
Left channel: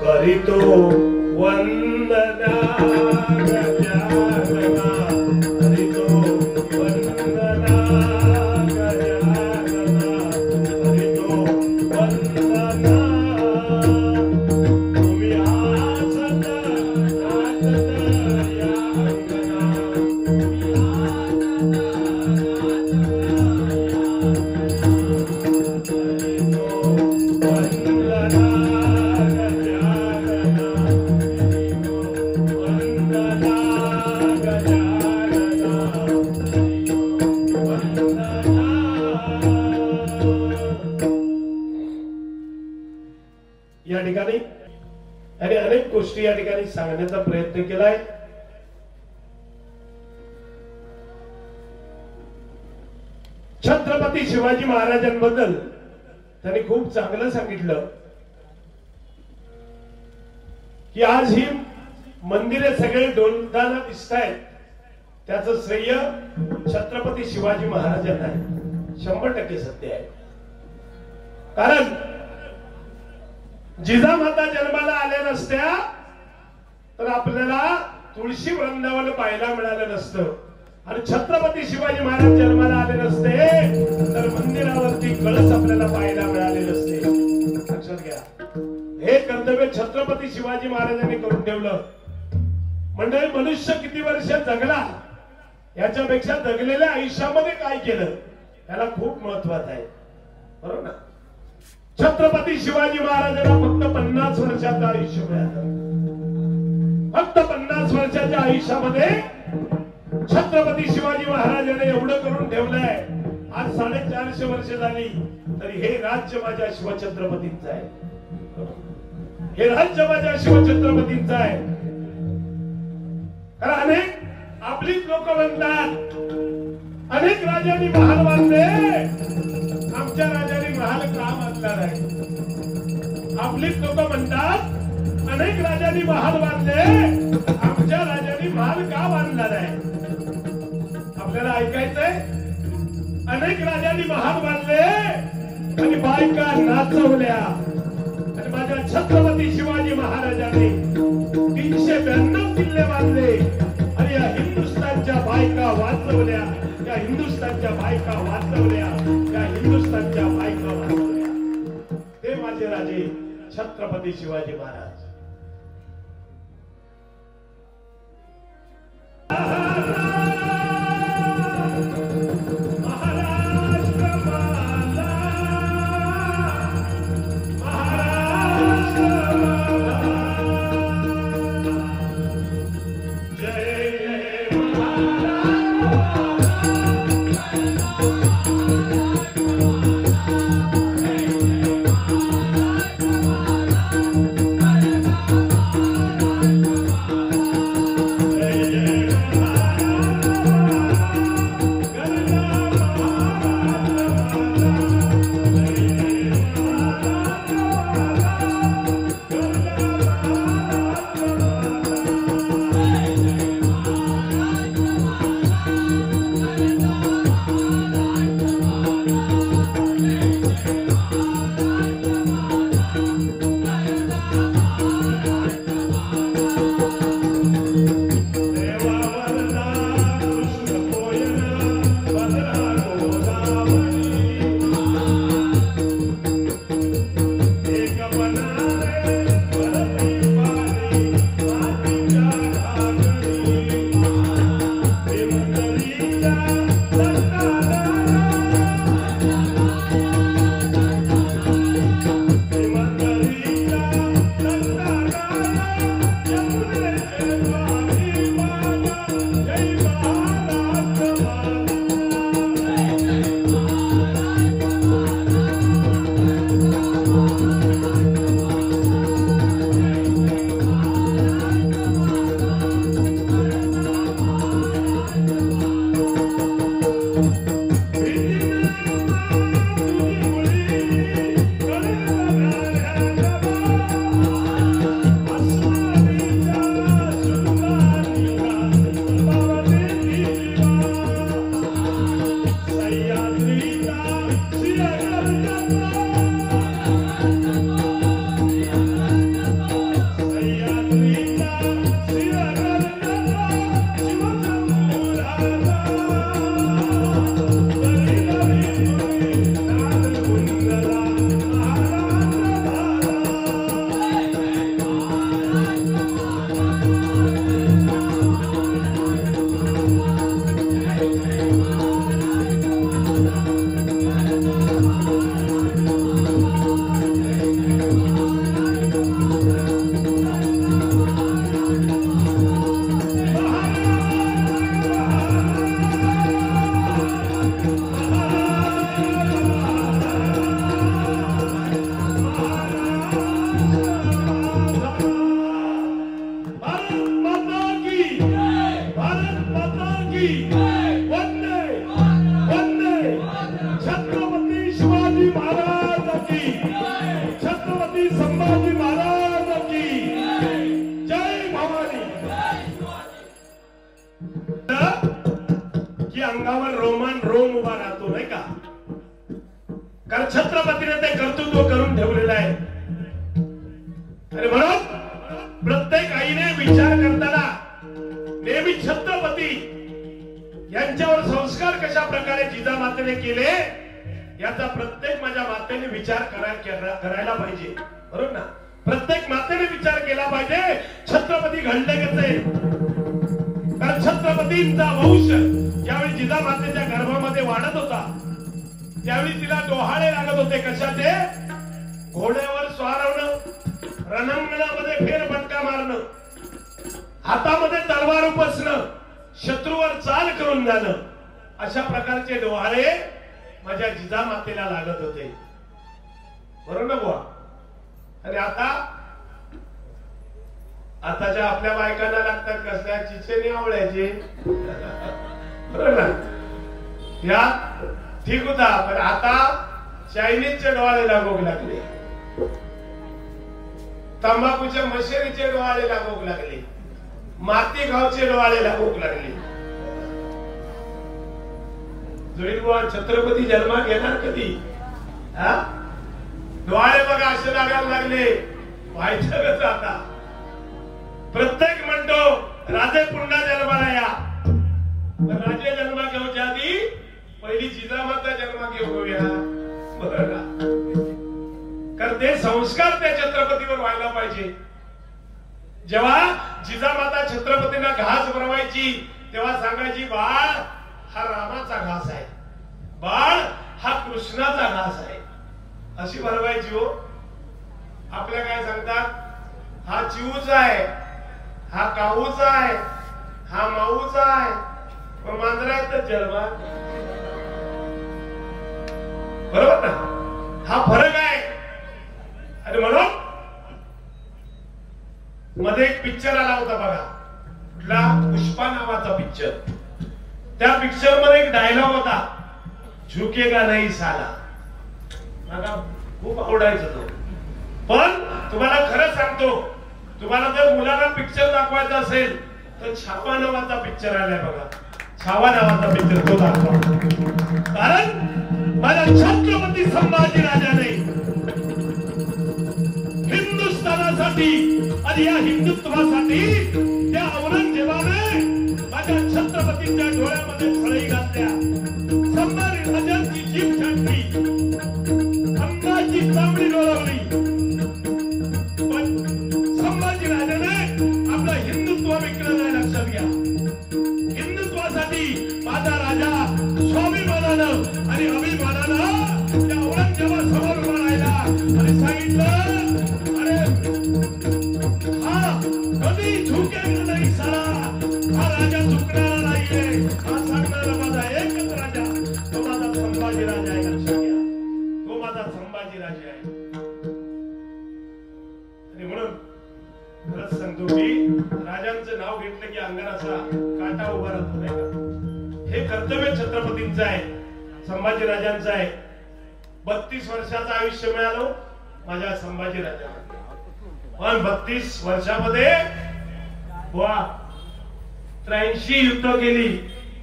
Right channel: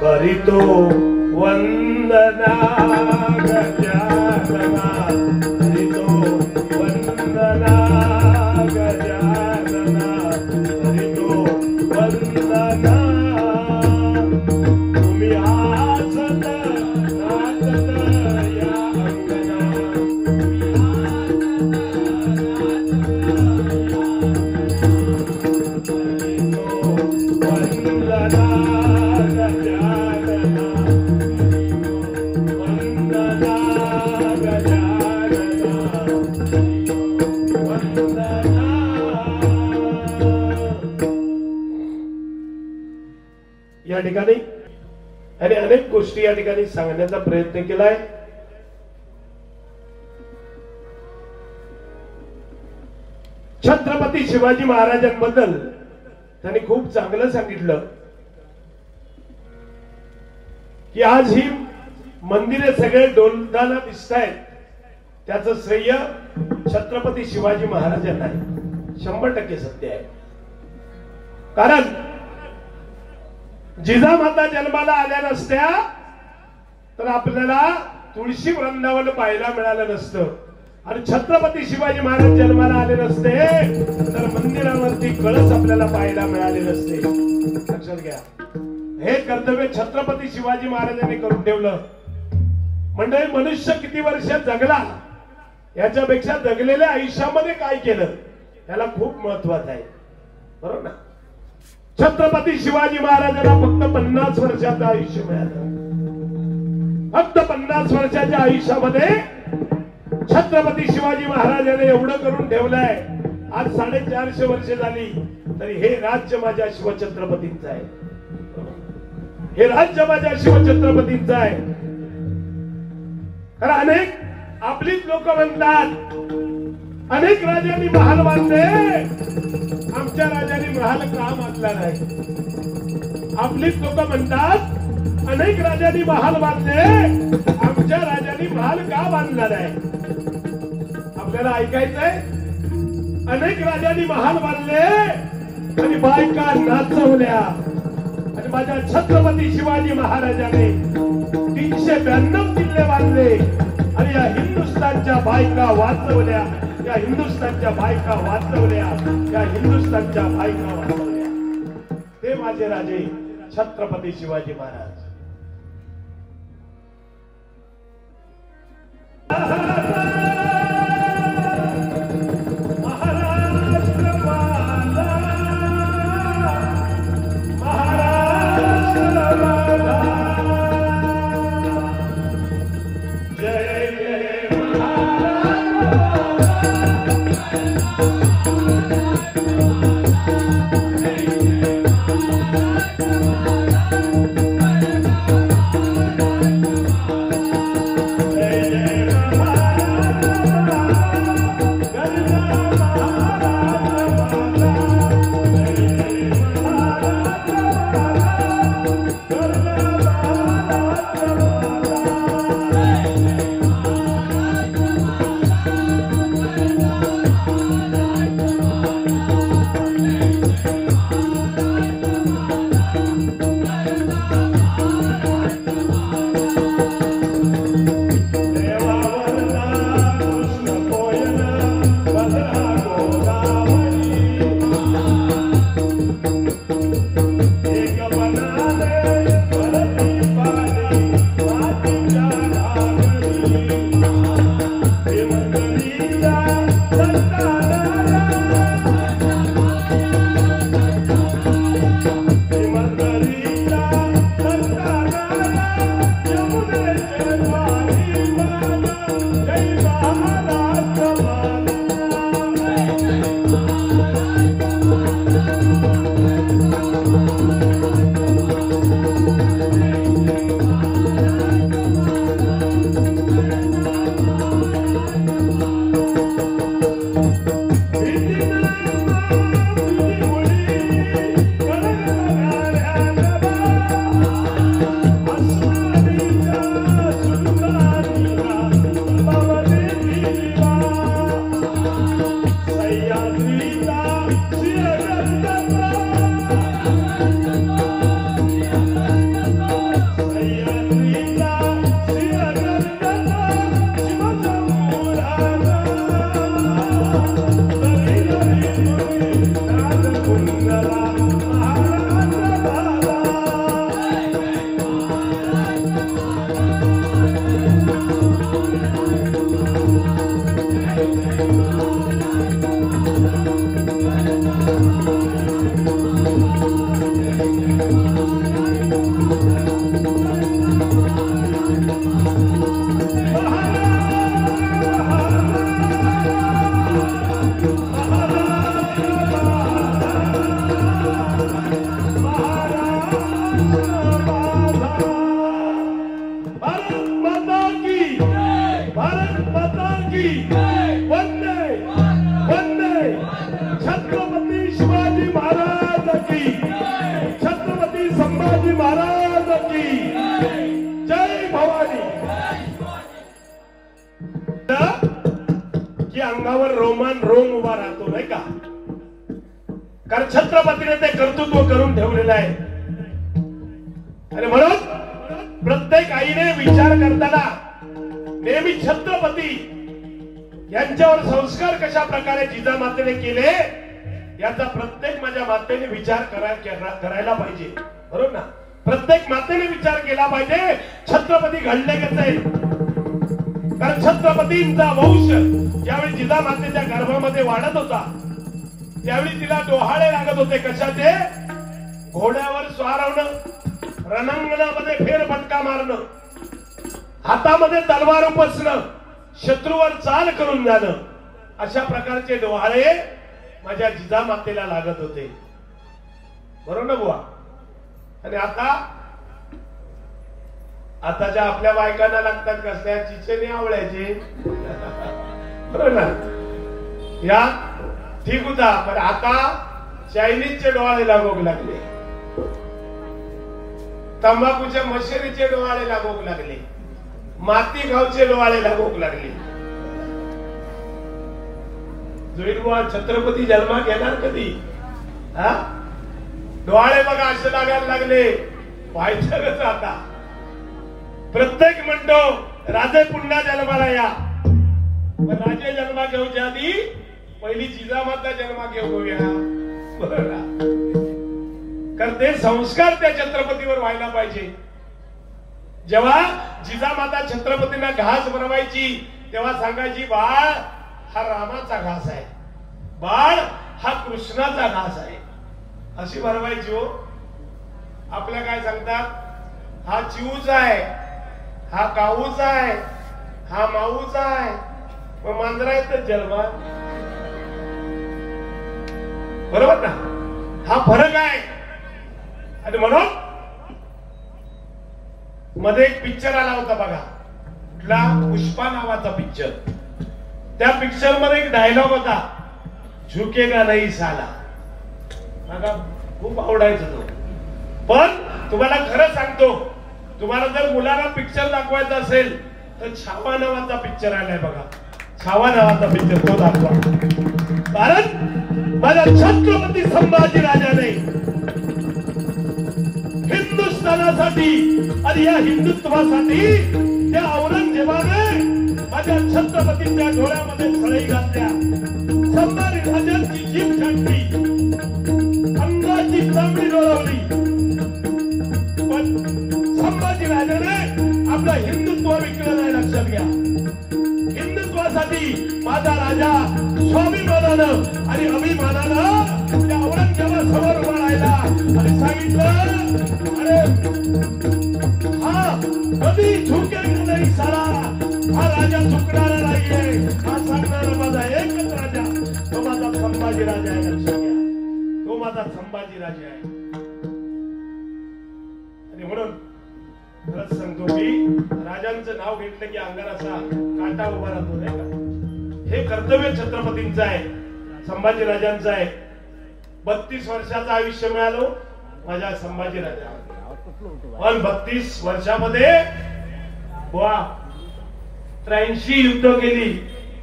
करीतो वंदना गजानना, करीतो वंदना गजानना, करीतो वंदना. तुम्ही आसत नाचत या अंगना, तुम्ही आसत नाचत करीतो वंदना गजानना, करीतो वंदना गजानना, करीतो वंदना. या ठिकाणी आणि अनेक गोष्टी या ठिकाणी सांगण्याचा प्रयत्न केलाय. छत्रपती शिवाजी महाराजांबद्दल त्यांनी खूप चांगलं सांगितलं की आज ही मंदिरे सगळे डोलताना दिसत आहेत, त्याचं श्रेय छत्रपती शिवाजी महाराजांना आहे. 100% सत्य आहे. कारण जिजामाता जन्माला आल्या नसत्या तर आपल्याला तुळशी वृंदावन पाहायला मिळालं नसतं, आणि छत्रपती शिवाजी महाराज जन्माला आले नसते तर मंदिरावरती कळस आपल्याला पाहायला मिळाले नसते. लक्षात घ्या, हे कर्तव्य छत्रपती शिवाजी महाराजांनी करून ठेवलं. मंडळी, मनुष्य किती वर्ष जगला याच्यापेक्षा जगलेल्या आयुष्यामध्ये काय केलं याला खूप महत्वाचं आहे. बरोबर ना? छत्रपती शिवाजी महाराजांना फक्त 50 वर्षाचं आयुष्य मिळालं. फक्त 50 वर्षाच्या आयुष्यामध्ये छत्रपती शिवाजी महाराजांनी एवढं करून ठेवलंय. आज 450 वर्ष झाली तरी हे राज्य माझ्या शिवछत्रपतींचं आहे. हे राज्य माझ्या शिवछत्रपतींचं आहे. कारण अनेक आपलीच लोक म्हणतात अनेक राजांनी महाल बांधले, आमच्या राजांनी महाल का बांधला नाही. आपलीच लोक म्हणतात अनेक राजांनी महाल बांधले, आमच्या राजांनी महाल का बांधला नाही. आपल्याला ऐकायचंय अनेक राजांनी महाल बांधले आणि बायका नाचवल्या, आणि माझ्या छत्रपती शिवाजी महाराजांनी 392 किल्ले बांधले आणि या हिंदुस्थानच्या बायका वाचवल्या, या हिंदुस्थानच्या बायका वाचवल्या, या हिंदुस्थानच्या बायका वाचवल्या. ते माझे राजे छत्रपती शिवाजी महाराज. Bye. करून ठेवलेला आहे. आणि म्हणून प्रत्येक आईने विचार करताना नेहमी छत्रपती यांच्यावर संस्कार कशा प्रकारे जिजामातेने केले याचा प्रत्येक माझ्या मातेने विचार करायला पाहिजे. बरोबर ना? प्रत्येक मातेने विचार केला पाहिजे छत्रपती घडले कसे. कारण छत्रपतींचा वंश ज्यावेळी जिजामातेच्या गर्भामध्ये वाढत होता त्यावेळी तिला डोहाळे लागत होते. कशाचे? घोड्यावर स्वार होणं, रणांगणामध्ये फेरफटका मारणं, हातामध्ये तलवार उपसणं, शत्रूवर चाल करून जाणं, अशा प्रकारचे डोहाळे माझ्या जिजामातेला लागत होते. बरोबर ना बुवा? आणि आताच्या आपल्या बायकांना लागतात कसल्या चिचेनी आवळ्याचे. बरोबर ना? या ठीक होता. पण आता चायनीजचे डोहाळे लागू लागले, तंबाखूच्या मशेरीचे डोहाळे लागू लागले, माती गावचे डोहाळे लागू लागले. जोईन छत्रपती जन्मात येणार कधी? हा डोहाळे बघा असे लागायला लागले. व्हायचं कसं आता? प्रत्येक म्हणतो राजे पुन्हा जन्माला या. पण राजे जन्मा घेऊच्या आधी पहिली जिजामाता जन्मा घेऊया. बरोबर? कारण ते संस्कार त्या छत्रपतीवर व्हायला पाहिजे. जेव्हा जिजामाता छत्रपतींना घास बनवायची तेव्हा सांगायची बाळ हा रामाचा घास आहे, बाळ हा कृष्णाचा घास आहे, अशी बनवायची. हो आपल्या काय सांगतात? हा चिऊचा आहे, हा काऊचा आहे, हा माऊचा आहे. मांजरात जन्मा. बरोबर ना? हा फरक आहे. आणि म्हणून मध्ये एक पिक्चर आला होता बघा, कुठला? पुष्पा नावाचा पिक्चर. त्या पिक्चर मध्ये एक डायलॉग होता, झुकेगा नहीं साला. मला खूप आवडायचं तो. पण तुम्हाला खरं सांगतो, तुम्हाला जर मुलांना पिक्चर दाखवायचा असेल तर छावा नावाचा पिक्चर आलाय बघा. छावा नावाचा पिक्चर तो दाखवा. कारण माझ्या छत्रपती संभाजी राजाने हिंदुस्थानासाठी आणि या हिंदुत्वासाठी त्या औरंगजेबाने माझ्या छत्रपतींच्या डोळ्यामध्ये सळई घातल्या. संभाजी राजांची जीभ छाटली, अंगाची चामडी डोलवली. पण संभाजी राजाने आपलं हिंदुत्व विकलं नाही. लक्षात घ्या. हिंदुत्वासाठी माझा राजा स्वाभिमानानं आणि अभिमानानं त्या औरंगजेबासमोर उभा राहिला आणि सांगितलं, कधी झुकेगा नहीं साला. हा राजा झुकणारा नाहीये. हा सांगणारा माझा एकच राजा, तो माझा संभाजी राजा आहे. लक्षात घ्या, तो माझा संभाजी राजा आहे. आणि म्हणून खरंच सांगतो की राजांचं नाव घेतलं की अंगाराचा काटा उभा राहतो, नाही का? हे कर्तव्य छत्रपतींचं आहे, संभाजी राजांचं आहे. 32 वर्षाचं आयुष्य मिळालं माझ्या संभाजी राजा. पण 32 वर्षामध्ये 83 युद्ध केली,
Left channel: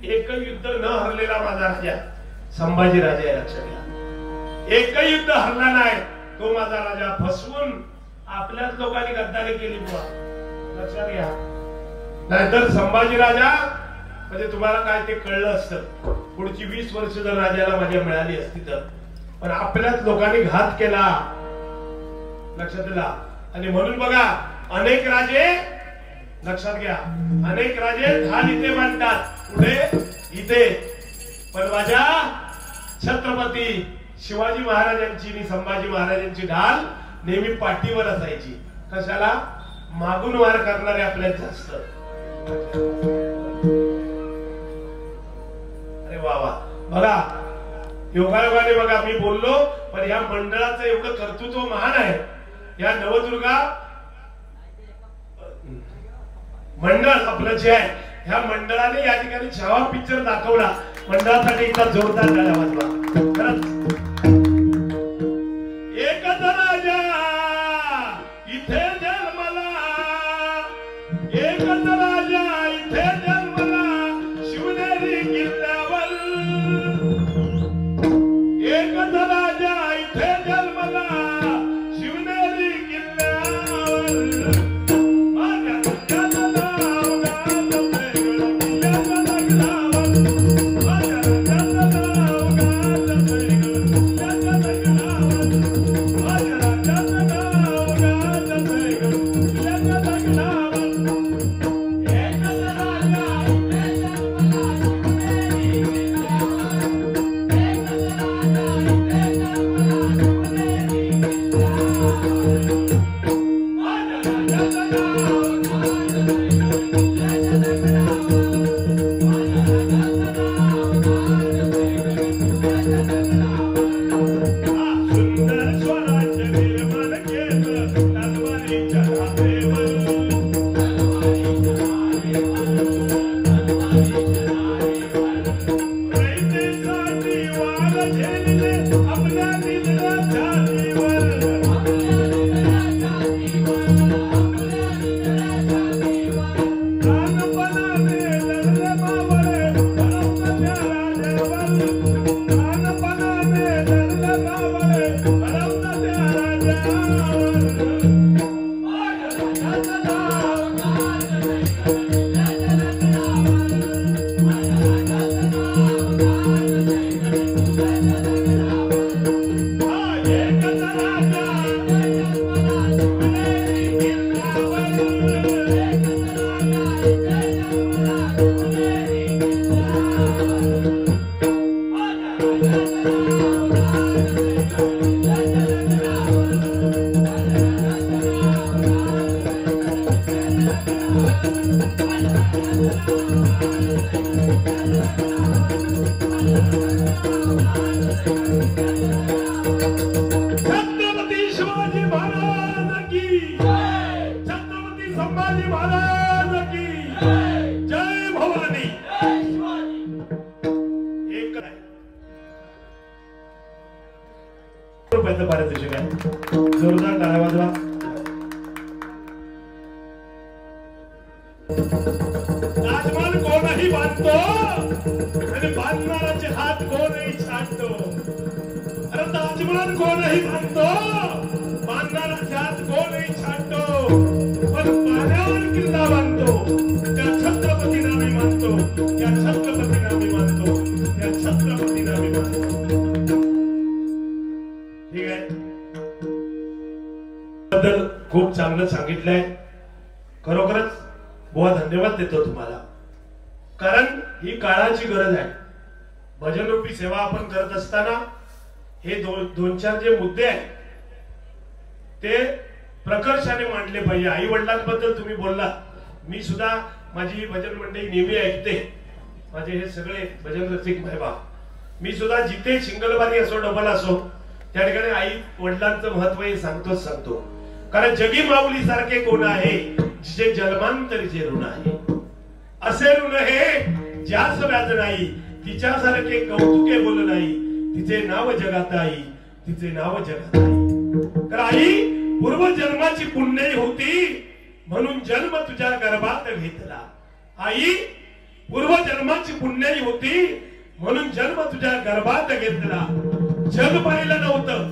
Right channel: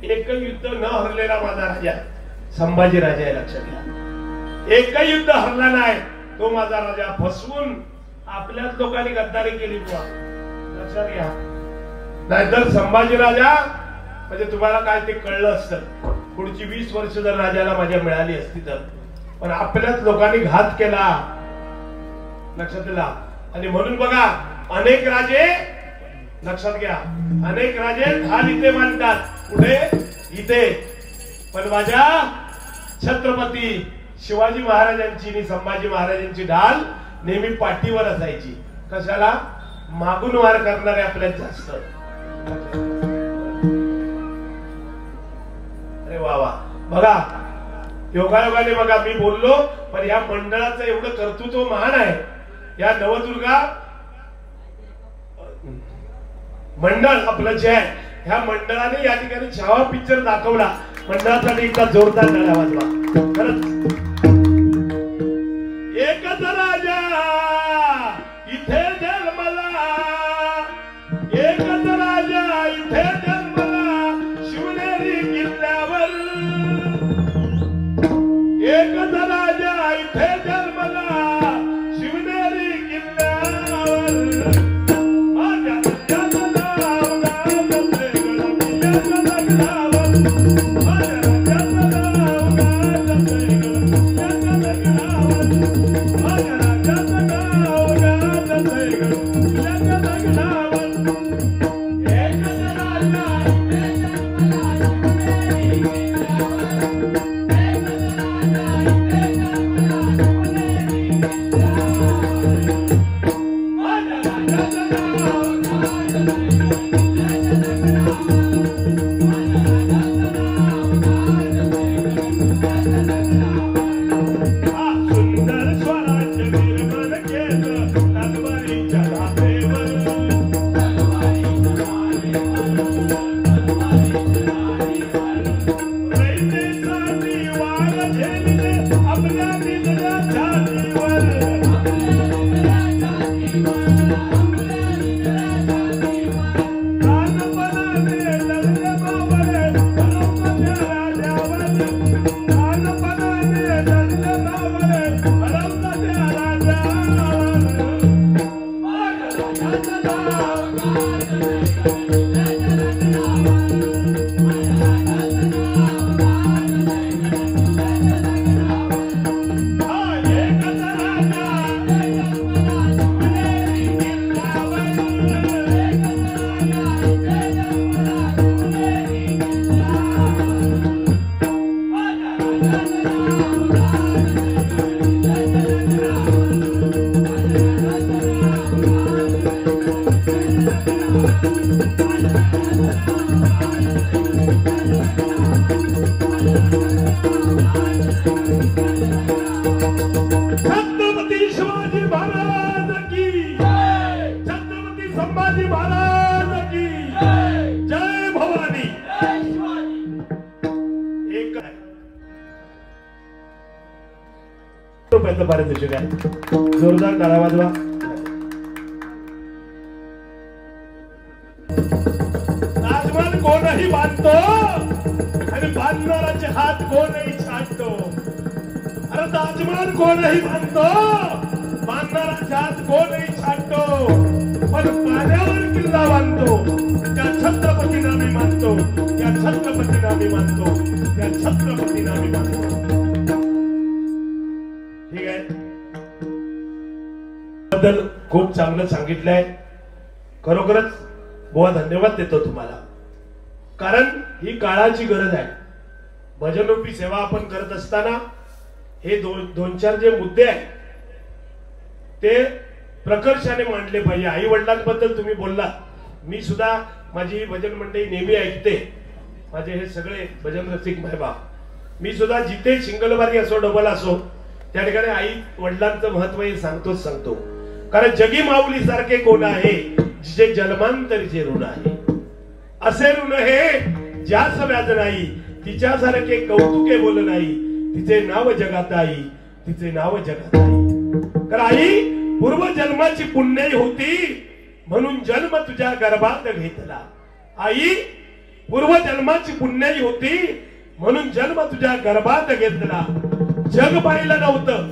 एकही युद्ध न हरलेला माझा राजा संभाजी राजा आहे. लक्षात घ्या, एकही युद्ध हरला नाही तो माझा राजा. फसवून आपल्याच लोकांनी गद्दारी केली बुवा. लक्षात घ्या. नाहीतर संभाजी राजा म्हणजे तुम्हाला काय ते कळलं असतं. पुढची 20 वर्ष जर राजाला माझ्या मिळाली असती तर. पण आपल्याच लोकांनी घात केला. लक्षात दिला. आणि म्हणून बघा अनेक राजे, लक्षात घ्या, अनेक राजे ढाल इथे मांडतात. कुठे? इथे. पण माझ्या छत्रपती शिवाजी महाराजांची आणि संभाजी महाराजांची ढाल नेहमी पाठीवर असायची. कशाला? मागून वार करणारे आपल्यात जास्त. अरे वा वा. बघा योगायोगाने बघा मी बोललो पण या मंडळाचं एवढं कर्तृत्व महान आहे. या नवदुर्गा मंडळ आपलं जे आहे, ह्या मंडळाने या ठिकाणी छावा पिक्चर दाखवला. मंडळासाठी एकदा जोरदार टाळ्या वाजवा. खरंच एकच राजा इथे जन्मला, एकच राजा इथे जन्मला शिवनेरी किल्ल्यावर, एकच राजा इथे जन्मला जोरदार टाळ्या वाजवा. राजमान कोणही बांधतो आणि बांधणाराचे हात कोणही छाटतो. अरे राजमान कोणही बांधतो, बांधणाराचे हात कोणही छाटतो, पण पाण्यावर किल्ला बांधतो त्या छत्रपतींना मी मानतो, त्या छत्रपतींना मी मानतो, त्या छत्रपतींना मी मानतो. ठीक आहे, बद्दल खूप चांगलं सांगितलंय. खरोखरच बुवा धन्यवाद देतो तुम्हाला, कारण ही काळाची गरज आहे. भजनरूपी सेवा आपण करत असताना हे दोन चार जे मुद्दे आहेत ते प्रकर्षाने मांडले पाहिजे. आई वडिलांबद्दल तुम्ही बोलला, मी सुद्धा माझी भजन मंडळी नेहमी ऐकते, माझे हे सगळे भजन रसिक भाईबा. मी सुद्धा जिथे सिंगलबारी असो डबल असो त्या ठिकाणी आई वडिलांचं महत्व हे सांगतोच सांगतो. कारण जगी माऊली सारखे कोण आहे जिचे जन्मांतरीचे ऋण आहे. असे ऋण हे ज्यास व्याज नाही, तिच्यासारखे कौतुके बोल नाही, तिचे नाव जगात आई, तिचे नाव जगात आई. तर आई पूर्वजन्माची पुण्य होती म्हणून जन्म तुझ्या गर्भात घेतला. आई पूर्वजन्माची पुण्य होती म्हणून जन्म तुझ्या गर्भात घेतला. जग पाहिलं नव्हतं,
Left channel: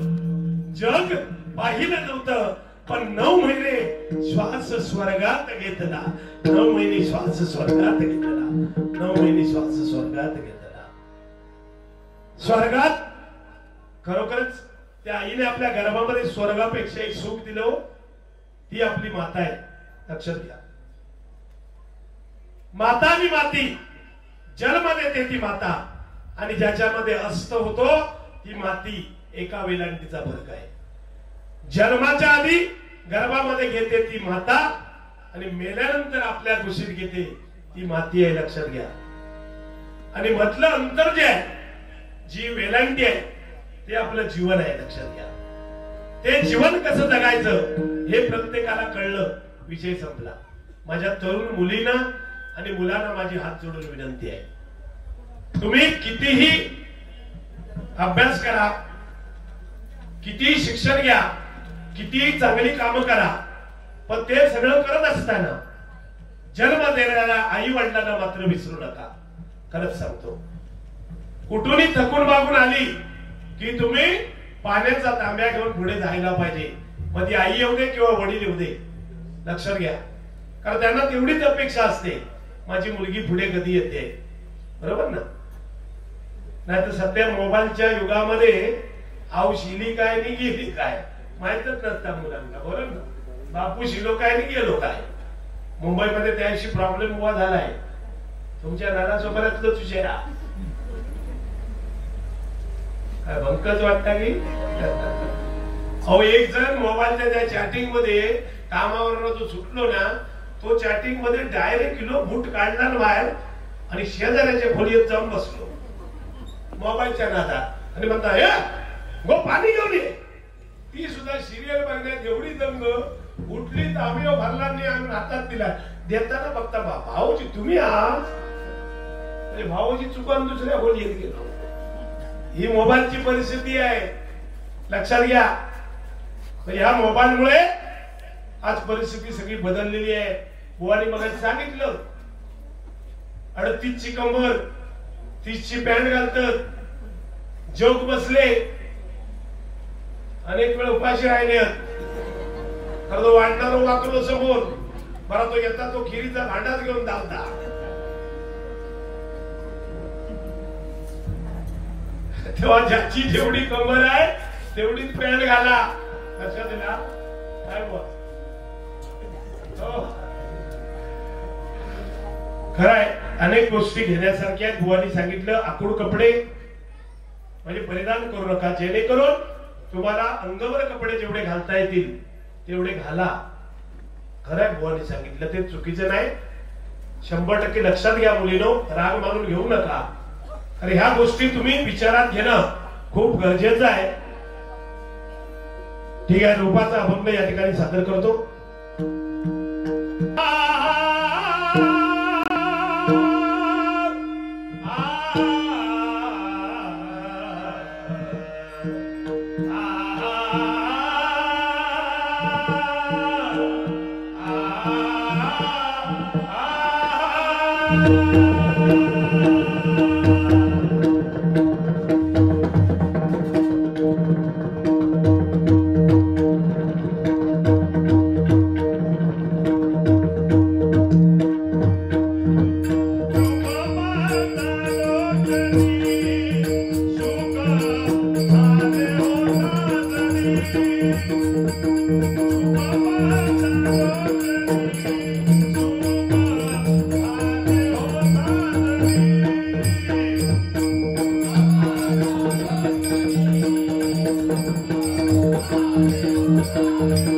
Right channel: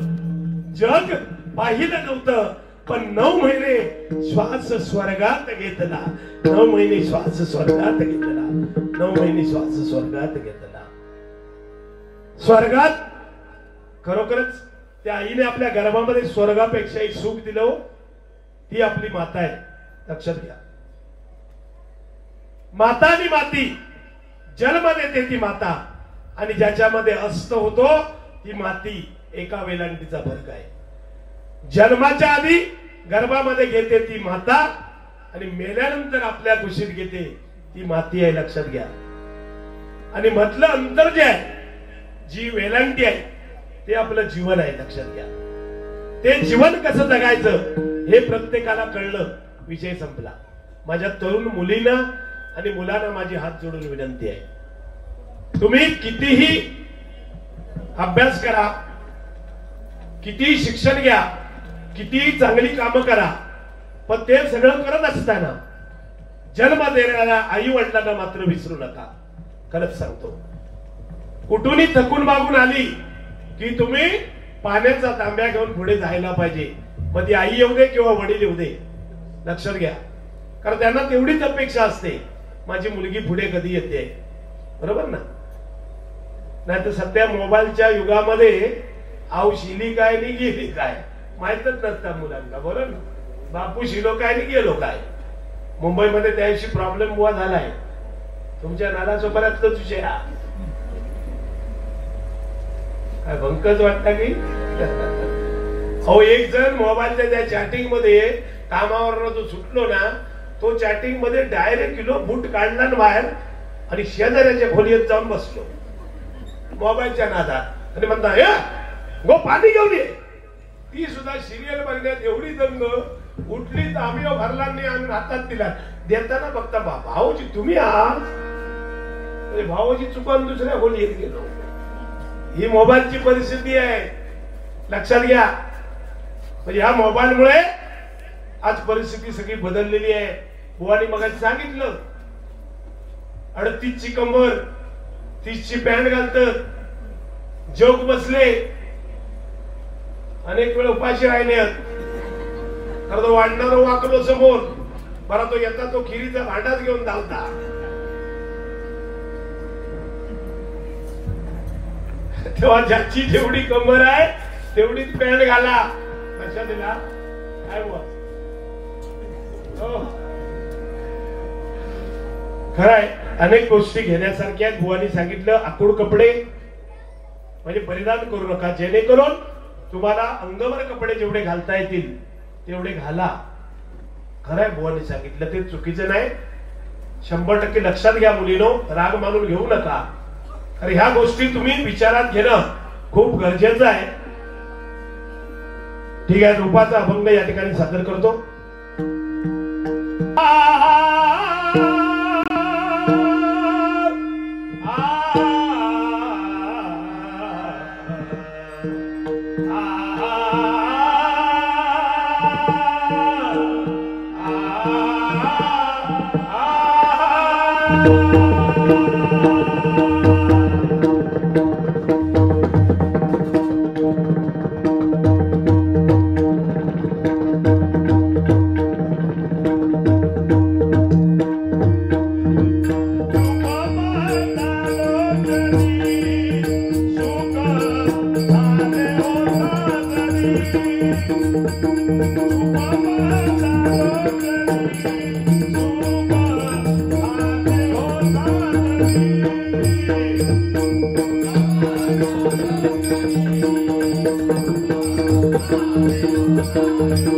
जग पाहिलं नव्हतं, पण 9 महिने श्वास स्वर्गात घेतला. 9 महिने श्वास स्वर्गात घेतला. 9 महिने श्वास स्वर्गात घेतला. स्वर्गात खरोखरच त्या आईने आपल्या गर्भामध्ये स्वर्गापेक्षा एक सुख दिलं. ती आपली माता आहे, लक्षात घ्या. माता आणि माती जन्म देते ती माता, आणि ज्याच्यामध्ये अस्त होतो ती माती. एका वेलांटीचा फरक आहे. जन्माच्या आधी गर्भामध्ये घेते ती माता, आणि मेल्यानंतर आपल्या कुशीत घेते ती माती आहे, लक्षात घ्या. आणि मधलं अंतर जे आहे, जी वेलांटी आहे, ते आपलं जीवन आहे, लक्षात घ्या. ते जीवन कसं जगायचं हे प्रत्येकाला कळलं, विषय संपला. माझ्या तरुण मुलींना आणि मुलांना माझी हात जोडून विनंती आहे, तुम्ही कितीही अभ्यास करा, कितीही शिक्षण घ्या, कितीही चांगली कामं करा, पण ते सगळं करत असताना जन्म देणाऱ्या आई वडिलांना मात्र विसरू नका. खरंच सांगतो, कुठूनही थकून मागून आली की तुम्ही पाण्याचा तांब्या घेऊन पुढे जायला पाहिजे. मग ती आई येऊ दे किंवा वडील येऊ दे, लक्षात घ्या. कारण त्यांना तेवढीच अपेक्षा असते, माझी मुलगी पुढे कधी येते, बरोबर ना. नाही तर सध्या मोबाईलच्या युगामध्ये आऊ शिली काय नाही गेली काय माहितच नसतं मुलांना, बरोबर ना. बापू शिलो काय नाही गेलो काय. मुंबईमध्ये त्याशी प्रॉब्लेम बुवा झालाय. तुमच्या नानासोबत तुझे काय भंकच वाटता की. अहो एक जण मोबाईलच्या त्या चॅटिंग मध्ये कामावर जो सुटलो ना, तो चॅटिंग मध्ये डायरेक्ट किलो बूट काढला बाहेर आणि शेजाऱ्याच्या खोलीत जाऊन बसलो मोबाईलच्या नादात, आणि म्हणता हे गो पाणी घेऊन ये. ती सुद्धा सिरियल बघण्यात एवढी दंग उठली तर आम्ही भरला नाही आणि हातात दिला. देताना बघता भाऊजी तुम्ही आज भाऊजी चुकून दुसऱ्या खोलीत गेलो. ही मोबाईलची परिस्थिती आहे, लक्षात घ्या. ह्या मोबाईलमुळे आज परिस्थिती सगळी बदललेली आहे. बुवानी मग सांगितलं 38ची कंबर 30ची पॅन्ट घालतात, जोक बसले, अनेक वेळ उपाशी राहिले. तो वाढणारा वाकलो समोर, मला तो येता तो खिरीचा भांडाच घेऊन धावता. तेव्हा ज्याची जेवढी कंबर आहे तेवढीच पॅन्ट घाला. लक्षात दिला काय बुवा. खरंय, अनेक गोष्टी घेण्यासारख्या बुवानी सांगितलं. आखूड कपडे म्हणजे परिधान करू नका, जेणेकरून तुम्हाला अंगावर कपडे जेवढे घालता येतील तेवढे घाला. खरंय, बुवानी सांगितलं ते चुकीचं नाही. 100% लक्षात घ्या मुलीनो, राग मानून घेऊ नका. कारण ह्या गोष्टी तुम्ही विचारात घेणं खूप गरजेचं आहे. ठीक आहे, रूपाचा अभंग या ठिकाणी सादर करतो. Thank you.